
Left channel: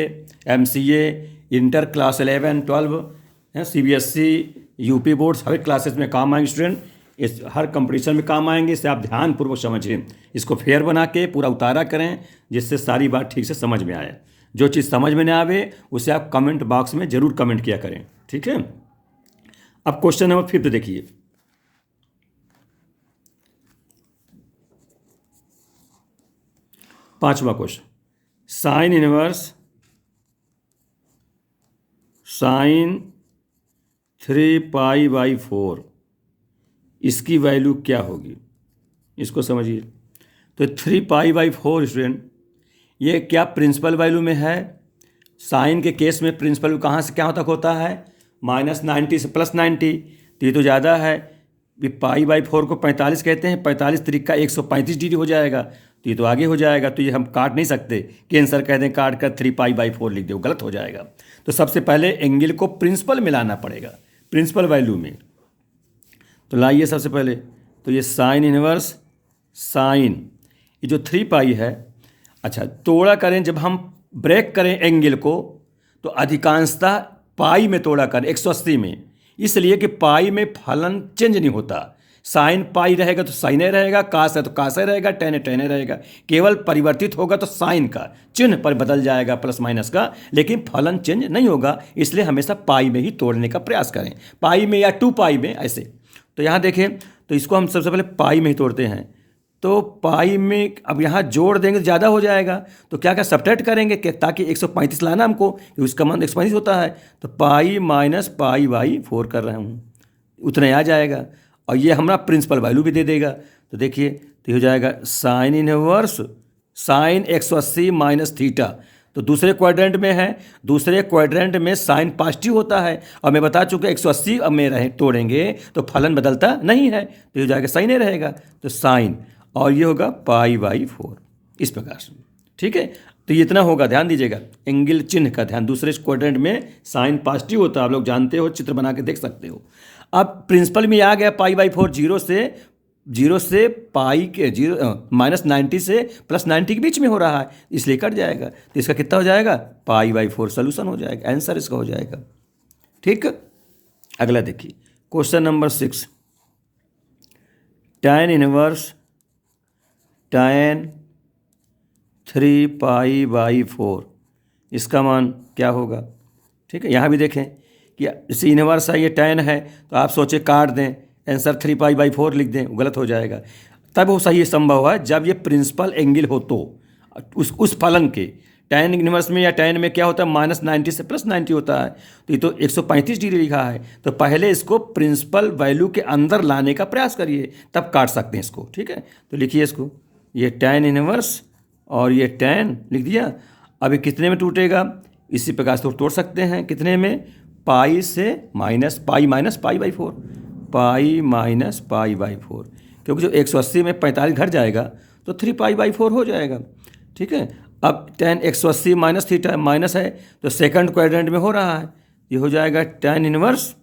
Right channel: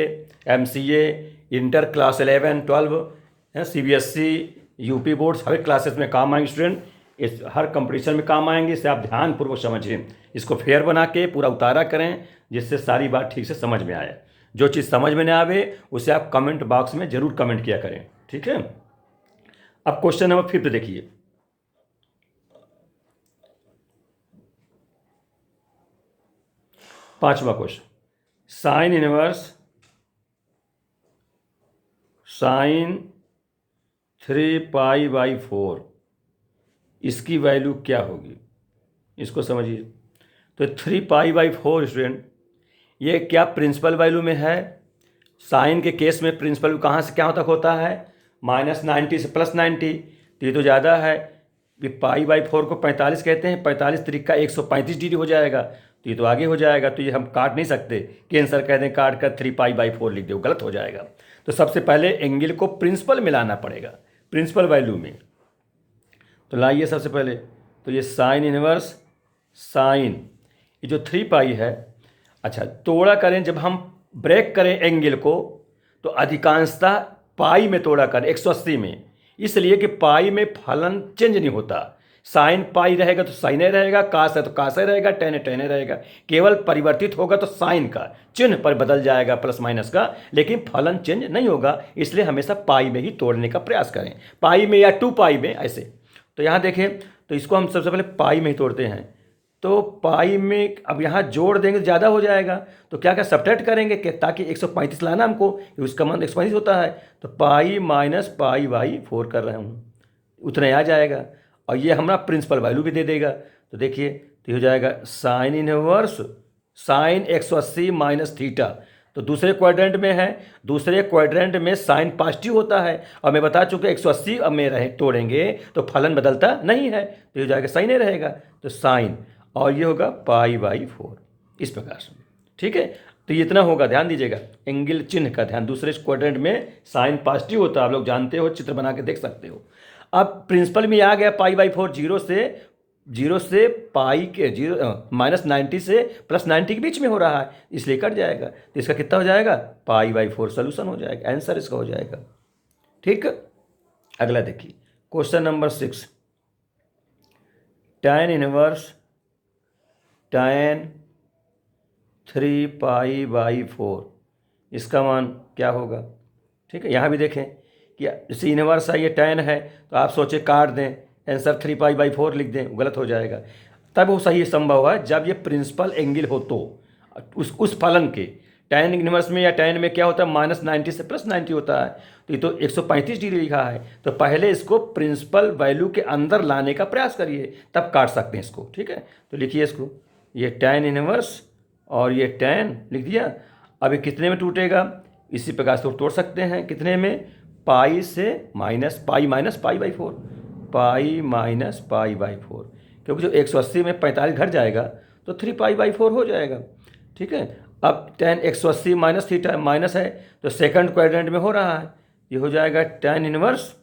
MCA, inter class 11 12, CBSE, UP boards, हर क्लासेस में काम आएंगे स्टूडेंट, इस हर कंपटीशन में काम आएंगे। इसे आप ध्यानपूर्वक समझिए, इसको फेयर बना के पूरा उतारा करें, जिससे सारी बात ठीक से समझ में आए। जो चीज़ समझ में ना आवे उसे आप कमेंट बॉक्स में ज़रूर कमेंट किया करें, ठीक है। अब क्वेश्चन नंबर 5 देखिए, पांचवा क्वेश्चन, साइन इनवर्स साइन 3π/4 इसकी वैल्यू क्या होगी, इसको समझिए। तो 3π/4 स्टूडेंट, ये क्या प्रिंसिपल वैल्यू में है? साइन के केस में प्रिंसिपल वैल्यू कहाँ से क्या तक होता है? -90 से +90, तो ये तो ज़्यादा है। ये π/4 को 45 कहते हैं, 45 त्रिका 135 डिग्री हो जाएगा, तो ये तो आगे हो जाएगा। तो ये हम काट नहीं सकते कि आंसर कह दें काट कर 3π/4 लिख दो, गलत हो जाएगा। तो सबसे पहले एंगल को प्रिंसिपल में लाना पड़ेगा, प्रिंसिपल वैल्यू में। तो लाइए सबसे पहले, तो ये साइन इनवर्स साइन, ये जो 3π है, अच्छा तोड़ा करें, जब हम ब्रेक करें एंगल को तो अधिकांशतः पाई में तोड़ा करें, 180 में, इसलिए कि पाई में फलन चेंज नहीं होता। साइन पाई रहेगा तो साइने रहेगा, कास है तो कासे रहेगा, टेन है टेने रहेगा। केवल परिवर्तित होगा तो साइन का चिन्ह पर बदल जाएगा प्लस माइनस का, लेकिन फलन चेंज नहीं होगा। इसलिए हमेशा पाई में ही तोड़ने का प्रयास करें, पाई में या 2π में ऐसे। तो यहाँ देखें, तो इसको हम सबसे पहले पाई में ही तोड़ते हैं। तो पाई में अब यहाँ जोड़ देंगे तो ज़्यादा हो जाएगा, तो क्या क्या सब्ट्रैक्ट करेंगे कि ताकि 135 लाना हमको, उसका मान 135 होता है। तो पाई माइनस π/4 कर रहा हूँ, उतना ही आ जाएगा। और ये हमारा प्रिंसिपल वैल्यू भी दे देगा। तो देखिए, तो हो जाएगा sine inverse sine 180 minus theta. तो दूसरे क्वाड्रेंट में है, दूसरे क्वाड्रेंट में साइन पॉजिटिव होता है, और मैं बता चुका 180 अब में रहे तोड़ेंगे तो फलन बदलता नहीं है, तो हो जाएगा साइन ही रहेगा। तो साइन, और ये होगा π/4 इस प्रकार से, ठीक है। तो ये इतना होगा, ध्यान दीजिएगा एंगल चिन्ह का ध्यान। दूसरे क्वाड्रेंट में साइन पॉजिटिव होता है, आप लोग जानते हो, चित्र बना के देख सकते हो। अब प्रिंसिपल में आ गया π/4, जीरो से पाई के -90 से +90 के बीच में हो रहा है, इसलिए कट जाएगा। तो इसका कितना हो जाएगा? π/4 सोल्यूशन हो जाएगा, आंसर इसका हो जाएगा। ठीक, अगला देखिए question number 6, tan inverse tan 3π/4 इसका मान क्या होगा? ठीक है, यहाँ भी देखें कि इसी इनवर्स है, ये tan है, तो आप सोचे काट दें, आंसर 3π/4 लिख दें, गलत हो जाएगा। तब वो सही संभव है जब ये प्रिंसिपल एंगल हो, तो उस फलन के tan इनवर्स में या tan में क्या होता है, -90 से +90 होता है। तो ये तो 135 डिग्री लिखा है, तो पहले इसको प्रिंसिपल वैल्यू के अंदर लाने का प्रयास करिए, तब काट सकते हैं इसको। ठीक है, तो लिखिए इसको, ये tan इनवर्स और ये tan लिख दिया। अभी कितने में टूटेगा? इसी प्रकार से तोड़ सकते हैं, कितने में? पाई से minus pi minus π/4, pi minus π/4, क्योंकि जो 180 में 45 घट जाएगा तो 3π/4 हो जाएगा। ठीक है, अब tan 180 माइनस थीटा माइनस है, तो सेकंड क्वाड्रेंट में हो रहा है, ये हो जाएगा tan इनवर्स,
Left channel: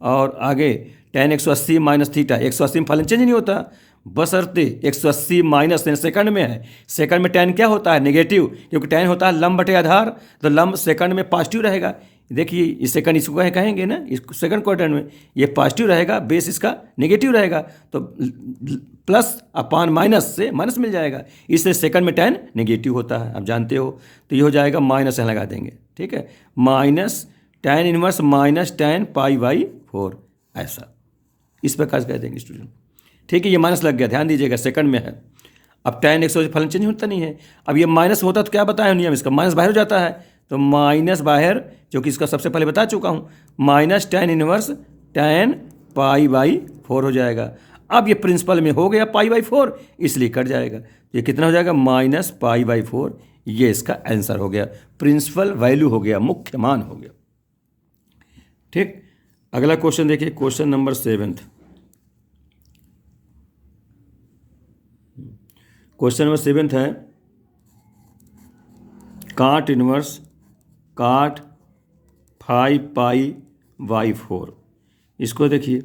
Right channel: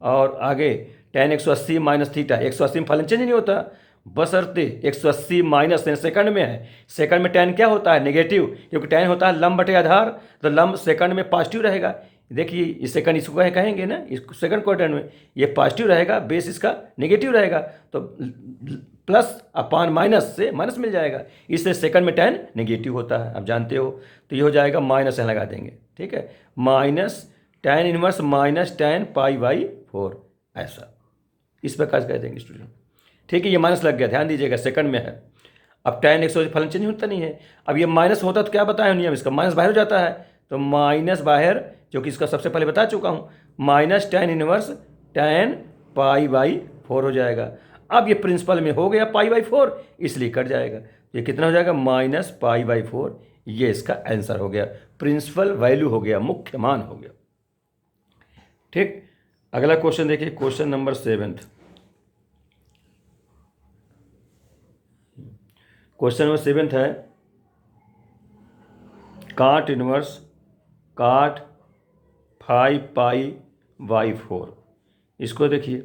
और आगे tan 180 माइनस थीटा, 180 में फलन चेंज नहीं होता, बशर्ते 180 माइनस सेकंड में है। सेकंड में tan क्या होता है? नेगेटिव, क्योंकि tan होता है लंब बटे आधार, तो लंब सेकंड में पॉजिटिव रहेगा। देखिए इस सेकंड इसको कहेंगे ना, इस सेकंड क्वाड्रेंट में ये पॉजिटिव रहेगा, बेस इसका नेगेटिव रहेगा, तो प्लस अपान माइनस से माइनस मिल जाएगा, इससे सेकंड में tan नेगेटिव होता है, आप जानते हो। तो ये हो जाएगा माइनस यहाँ लगा देंगे, ठीक है, minus tan inverse minus tan π/4, ऐसा इस प्रकार से कह देंगे स्टूडेंट। ठीक है, ये माइनस लग गया, ध्यान दीजिएगा, सेकंड में है। अब tan 180 फलन चेंज होता नहीं है, अब ये माइनस होता तो क्या बताया नियम इसका, माइनस बाहर हो जाता है, तो माइनस बाहर, जो कि इसका सबसे पहले बता चुका हूँ, माइनस tan इनवर्स tan π/4 हो जाएगा। अब ये प्रिंसिपल में हो गया π/4, इसलिए कट जाएगा, ये कितना हो जाएगा? माइनस π/4, ये इसका आंसर हो गया, प्रिंसिपल वैल्यू हो गया, मुख्य मान हो गया। ठीक, अगला क्वेश्चन देखिए, क्वेश्चन नंबर 7। क्वेश्चन नंबर 7 है cot इनवर्स cot 5π/4। इसको देखिए,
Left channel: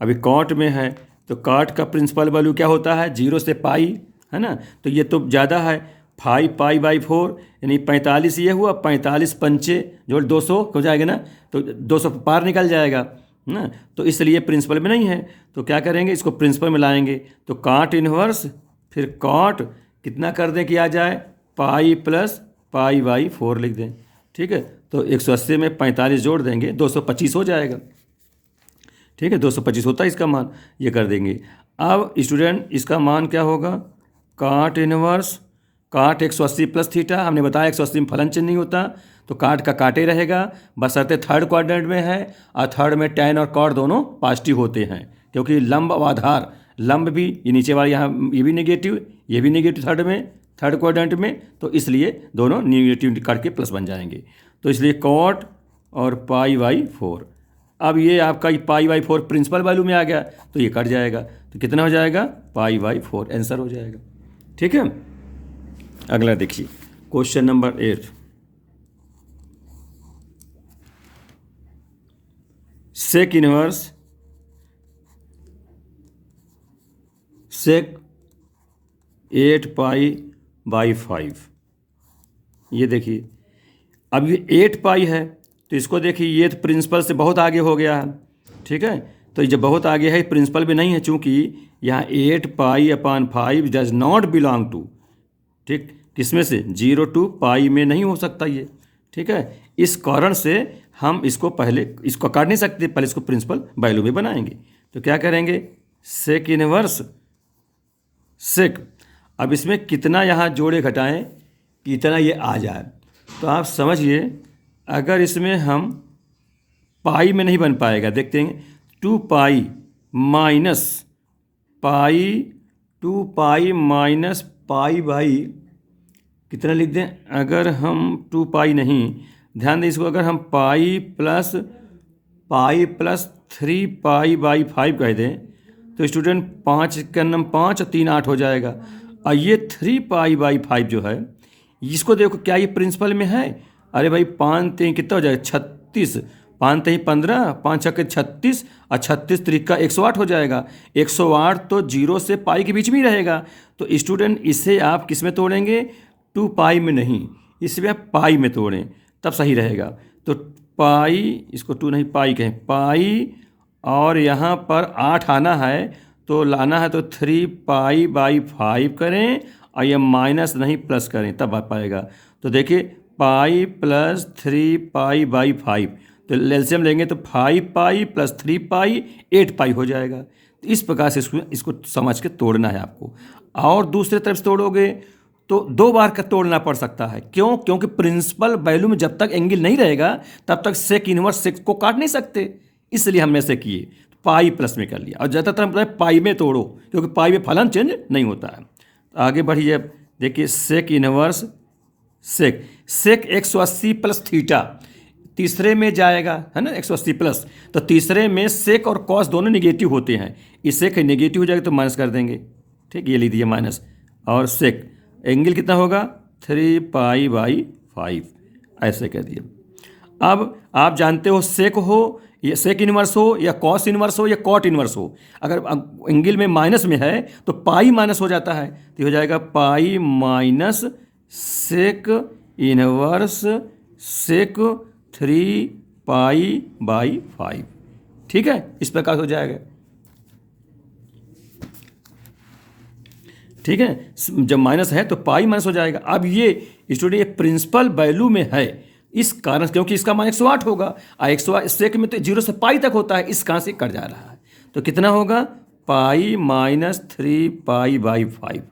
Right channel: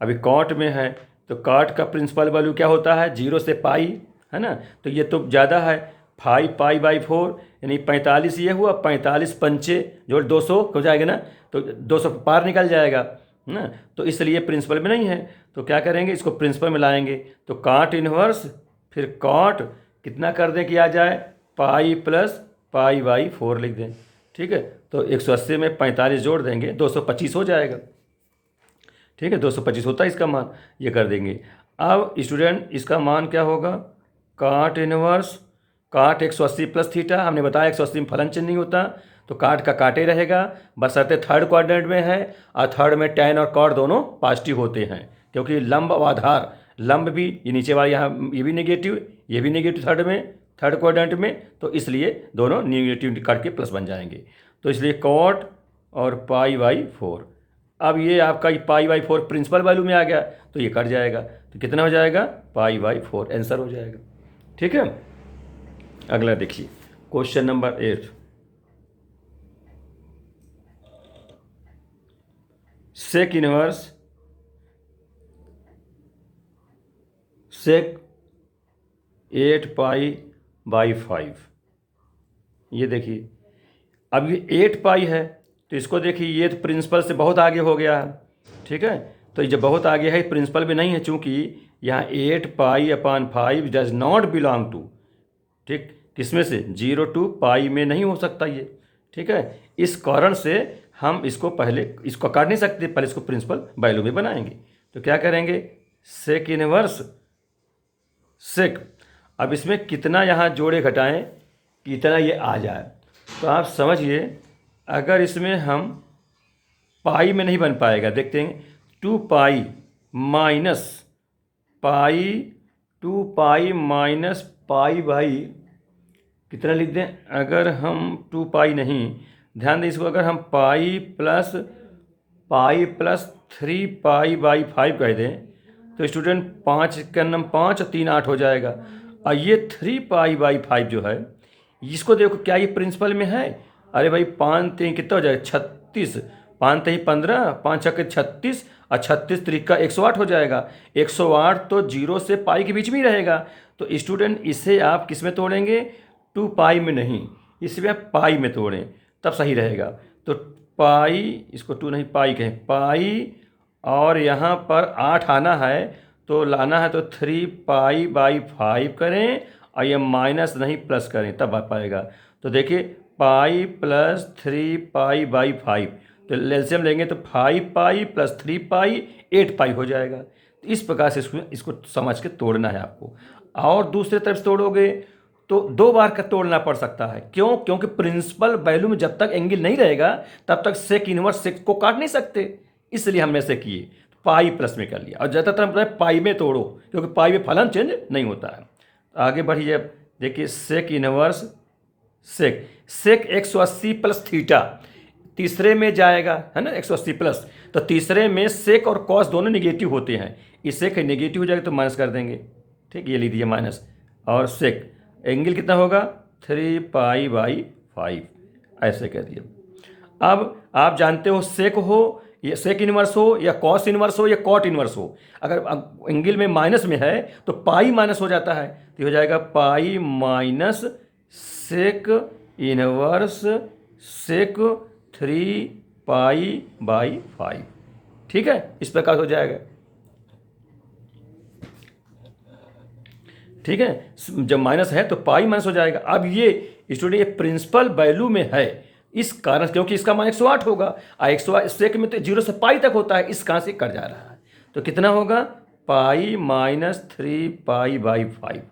अभी cot में है तो cot का प्रिंसिपल वैल्यू क्या होता है? 0 से पाई, है ना, तो ये तो ज़्यादा है, 5π/4 यानी 45, ये हुआ 45 पंचे जोड़ 200 हो जाएगा ना, तो 200 पार निकल जाएगा ना, तो इसलिए प्रिंसिपल में नहीं है। तो क्या करेंगे, इसको प्रिंसिपल में लाएंगे, तो cot इनवर्स फिर cot कितना कर दें कि आ जाए, पाई प्लस π/4 लिख दें। ठीक है, तो 180 में 45 जोड़ देंगे, 225 हो जाएगा। ठीक है, 225 होता है इसका मान, ये कर देंगे। अब स्टूडेंट इसका मान क्या होगा? cot inverse cot 180 plus theta, हमने बताया 180 में फलन चेंज नहीं होता, तो काट का काटे रहेगा, बशर्ते थर्ड क्वाड्रेंट में है, और थर्ड में tan और cot दोनों पॉजिटिव होते हैं, क्योंकि लंब और आधार, लंब भी ये नीचे वाला यहाँ ये भी नेगेटिव, ये भी नेगेटिव थर्ड क्वाड्रेंट में, तो इसलिए दोनों नेगेटिव करके प्लस बन जाएंगे। तो इसलिए cot और π/4। अब ये आपका π/4 प्रिंसिपल वैल्यू में आ गया, तो ये कट जाएगा, तो कितना हो जाएगा, π/4 आंसर हो जाएगा। ठीक है, अगला देखिए question number 8। Sec inverse sec 8π/5। ये देखिए, अब ये 8π है, तो इसको देखिए, ये तो प्रिंसिपल से बहुत आगे हो गया है। ठीक है, तो ये जब बहुत आगे है, प्रिंसिपल भी नहीं है, चूंकि यहाँ 8π/5 डज नॉट बिलोंग टू, ठीक, किसमें से 0 to π में नहीं हो सकता ये। ठीक है, इस कारण से हम इसको काट नहीं सकते, पहले इसको प्रिंसिपल वैल्यू में बनाएंगे। तो क्या करेंगे, सेक इनवर्स सेक, अब इसमें कितना यहाँ जोड़े घटाएं कितना ये आ जाए। तो आप समझिए, अगर इसमें हम पाई में नहीं बन पाएगा, देखते हैं 2π minus pi, 2π minus pi by कितना लिख दें, अगर हम 2π नहीं, ध्यान दें इसको, अगर हम पाई प्लस 3π/5 कह दें, तो स्टूडेंट 5 का नम 5 और 3 8 हो जाएगा। और ये 3π/5 जो है, इसको देखो क्या ये प्रिंसिपल में है। अरे भाई 5 3 कितना हो जाएगा, 36, 5 3 15, 5 6 36, और 36 3 108 हो जाएगा। 108 तो 0 से पाई के बीच में ही रहेगा। तो स्टूडेंट इसे आप किस में तोड़ेंगे, 2π में नहीं, इसमें आप पाई में तोड़ें, तब सही रहेगा। तो पाई, इसको 2 नहीं पाई कहें, पाई, और यहाँ पर 8 आना है, तो लाना है तो 3π/5 करें, और ये माइनस नहीं प्लस करें, तब आ पाएगा। तो देखिए पाई प्लस 3π/5, तो एलसीएम लेंगे तो 5π प्लस 3π 8π हो जाएगा। तो इस प्रकार से इसको समझ के तोड़ना है आपको। और दूसरे तरफ से तोड़ोगे तो 2 बार का तोड़ना पड़ सकता है। क्यों, क्योंकि प्रिंसिपल वैल्यू में जब तक एंगल नहीं रहेगा तब तक सेक इनवर्स सेक को काट नहीं सकते, इसलिए हमने ऐसे किए, पाई प्लस में कर लिया। और ज़्यादातर हम पाई में तोड़ो, क्योंकि पाई में फलन चेंज नहीं होता है। आगे बढ़िए, देखिए sec inverse sec 180 plus theta, तीसरे में जाएगा, है ना, 180 प्लस, तो तीसरे में सेक और कॉस दोनों निगेटिव होते हैं, इस सेक निगेटिव हो जाएगा तो माइनस कर देंगे। ठीक, ये लिख दिए माइनस, और सेक एंगल कितना होगा, 3π/5, ऐसे कर दिए। अब आप जानते हो सेक हो या सेक इनवर्स हो या कॉस इनवर्स हो या कॉट इनवर्स हो, अगर एंगल में माइनस में है तो पाई माइनस हो जाता है, तो हो जाएगा पाई माइनस सेक इनवर्स सेक 3π/5। ठीक है, इस प्रकार हो जाएगा। ठीक है, जब माइनस है तो पाई माइनस हो जाएगा। अब ये स्टूडेंट ये प्रिंसिपल वैल्यू में है, इस कारण, क्योंकि इसका मान 108 होगा, और 108 सेक में तो 0 से पाई तक होता है, इस कारण से कट जा रहा है। तो कितना होगा, पाई माइनस 3π/5।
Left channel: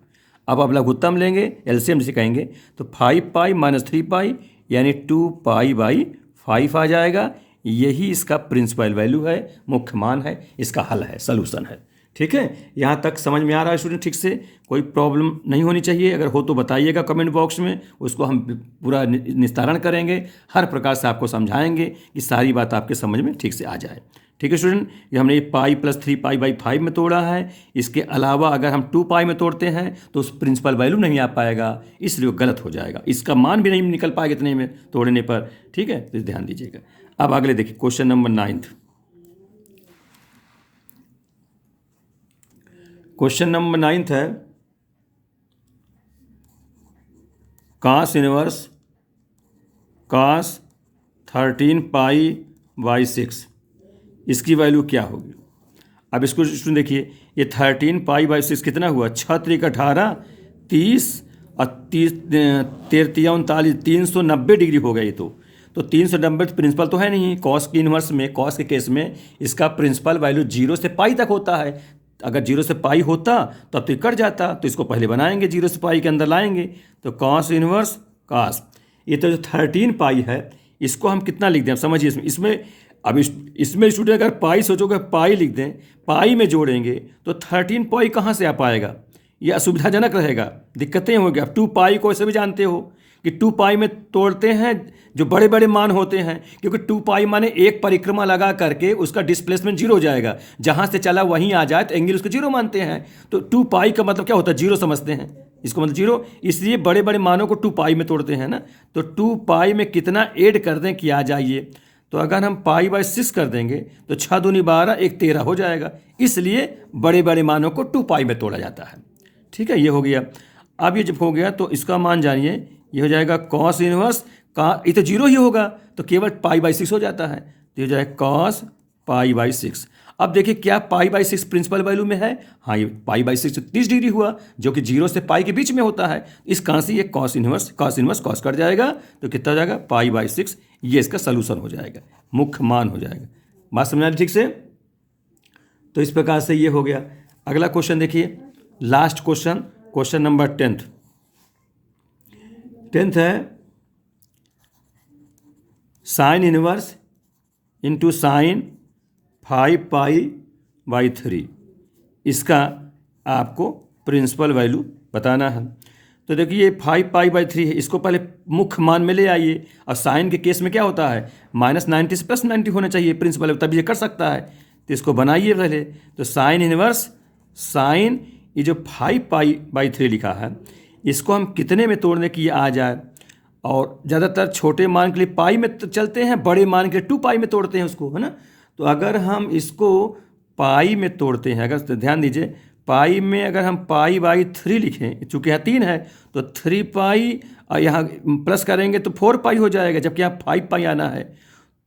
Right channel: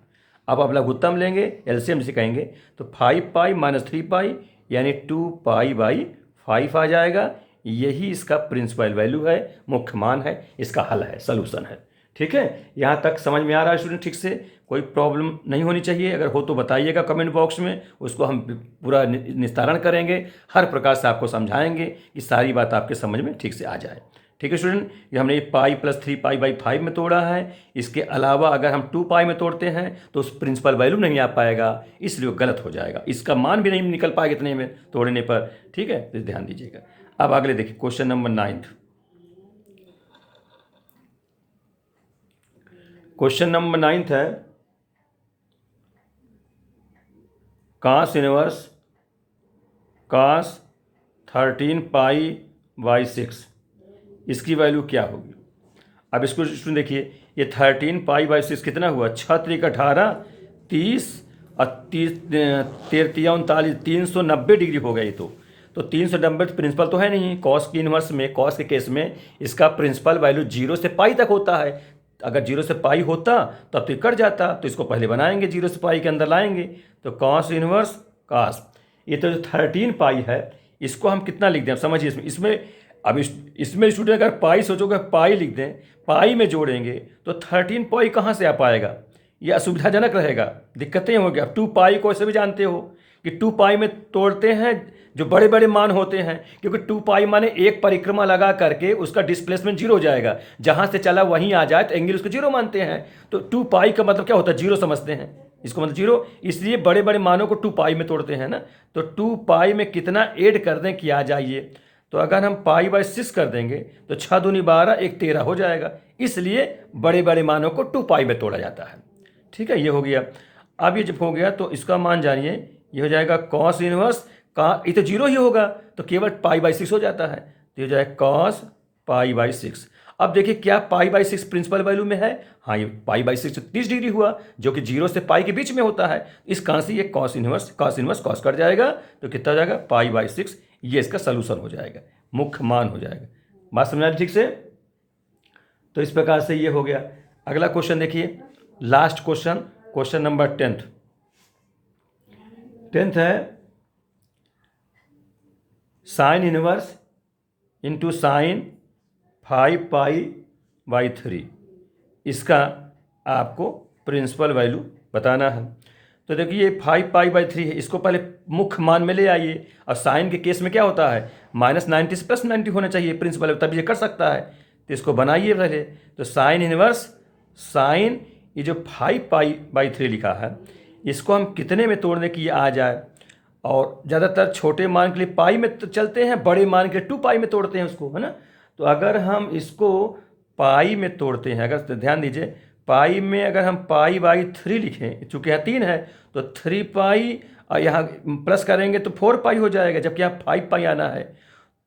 अब लघुत्तम लेंगे, एलसीएम जिसे कहेंगे, तो 5π माइनस 3π यानी 2π/5 आ जाएगा। यही इसका प्रिंसिपल वैल्यू है, मुख्य मान है, इसका हल है, सलूशन है। ठीक है, यहाँ तक समझ में आ रहा है स्टूडेंट, ठीक से, कोई प्रॉब्लम नहीं होनी चाहिए। अगर हो तो बताइएगा कमेंट बॉक्स में, उसको हम पूरा निस्तारण करेंगे, हर प्रकार से आपको समझाएंगे कि सारी बात आपके समझ में ठीक से आ जाए। ठीक है स्टूडेंट, ये हमने पाई प्लस 3π/5 में तोड़ा है। इसके अलावा अगर हम 2π में तोड़ते हैं तो उस प्रिंसिपल वैल्यू नहीं आ पाएगा, इसलिए वो गलत हो जाएगा, इसका मान भी नहीं निकल पाएगा इतने में तोड़ने पर। ठीक है, तो ध्यान दीजिएगा। अब अगले देखिए क्वेश्चन नंबर 9। क्वेश्चन नंबर 9 है, cos इनवर्स cos 13π/6, इसकी वैल्यू क्या होगी। अब इसको देखिए, ये 13π/6 कितना हुआ, 6 3 18, 30 और 30 33 39, 390 डिग्री हो गया ये। तो 390 प्रिंसिपल तो है नहीं, कॉस की इनवर्स में, कॉस के केस में इसका प्रिंसिपल वैल्यू 0 से पाई तक होता है। अगर 0 से पाई होता तब तो कट जाता, तो इसको पहले बनाएंगे, 0 से पाई के अंदर लाएंगे। तो कॉस इनवर्स कॉस, ये तो जो 13 पाई है इसको हम कितना लिख दें, समझिए इसमें स्टूडेंट अगर पाई सोचोगे पाई लिख दें, पाई में जोड़ेंगे तो 13 पाई कहाँ से आ पाएगा, ये असुविधाजनक रहेगा, दिक्कतें होंगी। अब 2 पाई को ऐसे भी जानते हो कि 2 पाई में तोड़ते हैं जो बड़े बड़े मान होते हैं, क्योंकि 2 पाई माने एक परिक्रमा लगा करके उसका डिस्प्लेसमेंट जीरो हो जाएगा, जहाँ से चला वहीं आ जाए तो एंगल उसको जीरो मानते हैं। तो 2 पाई का मतलब क्या होता है, जीरो समझते हैं इसको, मतलब जीरो, इसलिए बड़े बड़े मानों को 2 पाई में तोड़ते हैं ना। तो 2 पाई में कितना ऐड कर दें कि आ जाइए, तो अगर हम पाई बाई 6 कर देंगे तो 6 दूनी 12 1 13 हो जाएगा, इसलिए बड़े बड़े मानों को 2 पाई में तोड़ा जाता है। ठीक है, ये हो गया। अब ये जब हो गया तो इसका मान जानिए, ये हो जाएगा कॉस इनवर्स का, ये तो जीरो ही होगा तो केवल पाई बाई 6 हो जाता है, तो ये जाएगा कॉस पाई बाई 6। अब देखिए क्या पाई बाई 6 प्रिंसिपल वैल्यू में है, हाँ ये पाई बाई 6 30 डिग्री हुआ, जो कि जीरो से पाई के बीच में होता है। इस कहाँ से ये कॉस इनवर्स कॉस कट जाएगा तो कितना जाएगा पाई बाई 6, ये इसका सलूशन हो जाएगा, मुख्य मान हो जाएगा। बात समझ ठीक से। तो इस प्रकार से ये हो गया। अगला क्वेश्चन देखिए, लास्ट क्वेश्चन नंबर 10th है sine inverse into sine 5 pi by 3, इसका आपको प्रिंसिपल वैल्यू बताना है। तो देखिए ये 5 पाई बाई 3 है, इसको पहले मुख्य मान में ले आइए, और साइन के केस में क्या होता है -90 से +90 होना चाहिए प्रिंसिपल, तभी ये कर सकता है। तो इसको बनाइए पहले, तो साइन इनवर्स साइन, ये जो 5 पाई बाई 3 लिखा है इसको हम कितने में तोड़ने की आ जाए, और ज़्यादातर छोटे मान के लिए पाई में तो चलते हैं, बड़े मान के लिए 2 पाई में तोड़ते हैं उसको, है ना। तो अगर हम इसको पाई में तोड़ते हैं, अगर तो ध्यान दीजिए पाई में अगर हम पाई बाई 3 लिखें, चूँकि यहाँ 3 है तो 3 पाई, और यहाँ प्लस करेंगे तो 4 पाई हो जाएगा, जबकि यहाँ 5 पाई आना है,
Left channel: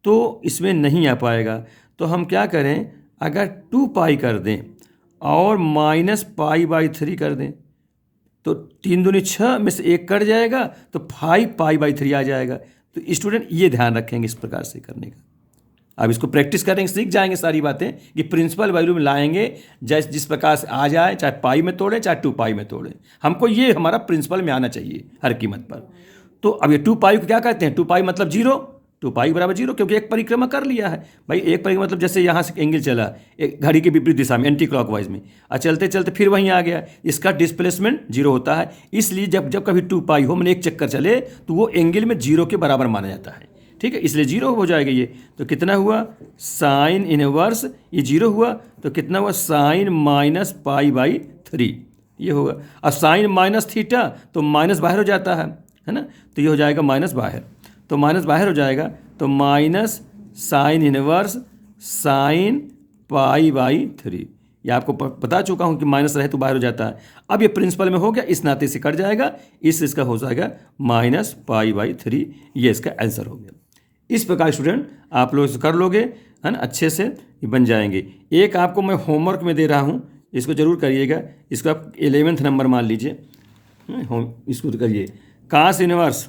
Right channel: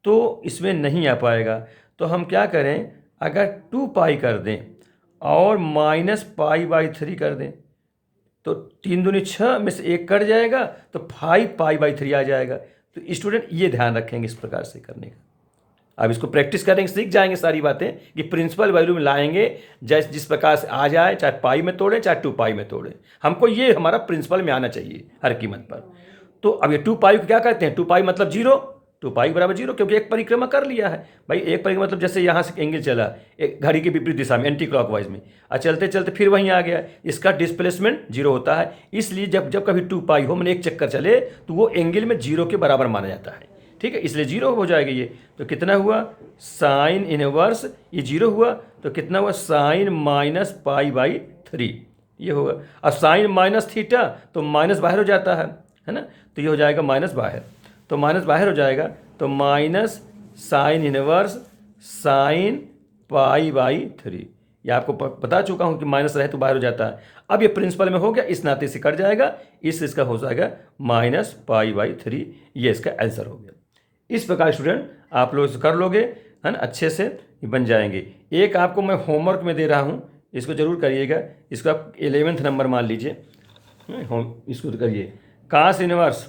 तो इसमें नहीं आ पाएगा। तो हम क्या करें, अगर 2 पाई कर दें और माइनस पाई बाई 3 कर दें तो 3 दूनी 6 में से 1 कट जाएगा तो 5 पाई बाई 3 आ जाएगा। तो स्टूडेंट ये ध्यान रखेंगे इस प्रकार से करने का। अब इसको प्रैक्टिस करेंगे, सीख जाएंगे सारी बातें कि प्रिंसिपल वैल्यू में लाएंगे, जैसे जिस प्रकार से आ जाए, चाहे पाई में तोड़ें चाहे 2 पाई में तोड़ें, हमको ये हमारा प्रिंसिपल में आना चाहिए हर कीमत पर। तो अब ये 2 पाई को क्या कहते हैं, 2 पाई मतलब जीरो, 2 पाई बराबर जीरो, क्योंकि एक परिक्रमा कर लिया है भाई। एक परिक्रमा मतलब जैसे यहाँ से एंगल चला एक घड़ी की विपरीत दिशा में, एंटी क्लॉकवाइज में, और चलते चलते फिर वहीं आ गया, इसका डिस्प्लेसमेंट जीरो होता है। इसलिए जब जब कभी 2 पाई हो मैंने एक चक्कर चले तो वो एंगल में जीरो के बराबर माना जाता है। ठीक है, इसलिए जीरो हो जाएगा ये। तो कितना हुआ साइन इनवर्स, ये जीरो हुआ तो कितना हुआ साइन माइनस पाई बाई 3, ये होगा। अब साइन माइनस थीटा तो माइनस बाहर हो जाता है ना, तो ये हो जाएगा माइनस बाहर, तो माइनस बाहर हो जाएगा तो minus sine inverse sine pi by 3। ये आपको बता चुका हूँ कि माइनस रहे तो बाहर हो जाता है। अब ये प्रिंसिपल में हो गया, इस नाते से कट जाएगा, इसका हो जाएगा माइनस पाई बाई 3, ये इसका आंसर हो गया। इस प्रकार स्टूडेंट आप लोग कर लोगे, है ना, अच्छे से बन जाएंगे। एक आपको मैं होमवर्क में दे रहा हूँ, इसको जरूर करिएगा, इसका 11th नंबर मान लीजिए, इसको करिए। कास इनवर्स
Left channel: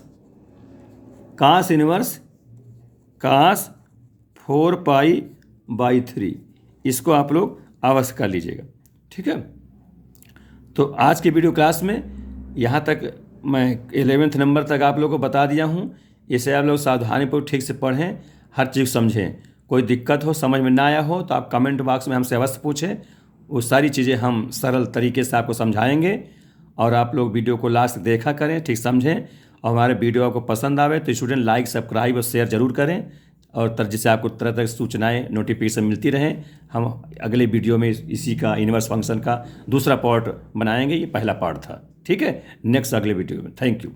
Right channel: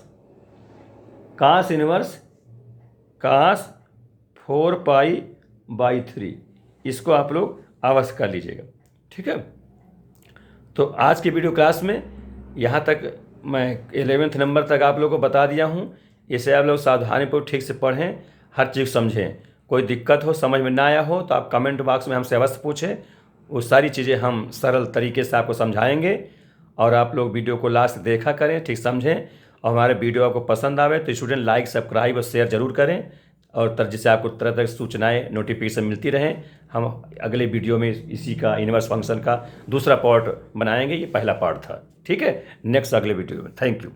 कास 4 पाई बाई 3, इसको आप लोग अवश्य कर लीजिएगा। ठीक है, तो आज की वीडियो क्लास में यहाँ तक मैं 11th नंबर तक आप लोगों को बता दिया हूँ। इसे आप लोग सावधानीपूर्वक ठीक से पढ़ें, हर चीज़ समझें। कोई दिक्कत हो, समझ में ना आया हो तो आप कमेंट बॉक्स में हमसे अवश्य पूछें, वो सारी चीज़ें हम सरल तरीके से आपको समझाएंगे। और आप लोग वीडियो को लास्ट देखा करें, ठीक समझें, और हमारे वीडियो आपको पसंद आवे तो स्टूडेंट लाइक सब्सक्राइब और शेयर जरूर करें, और जिससे आपको तरह तरह की सूचनाएँ नोटिफिकेशन मिलती रहें। हम अगले वीडियो में इसी का इनवर्स फंक्शन का दूसरा पार्ट बनाएंगे, ये पहला पार्ट था। ठीक है, नेक्स्ट अगले वीडियो में। Thank you.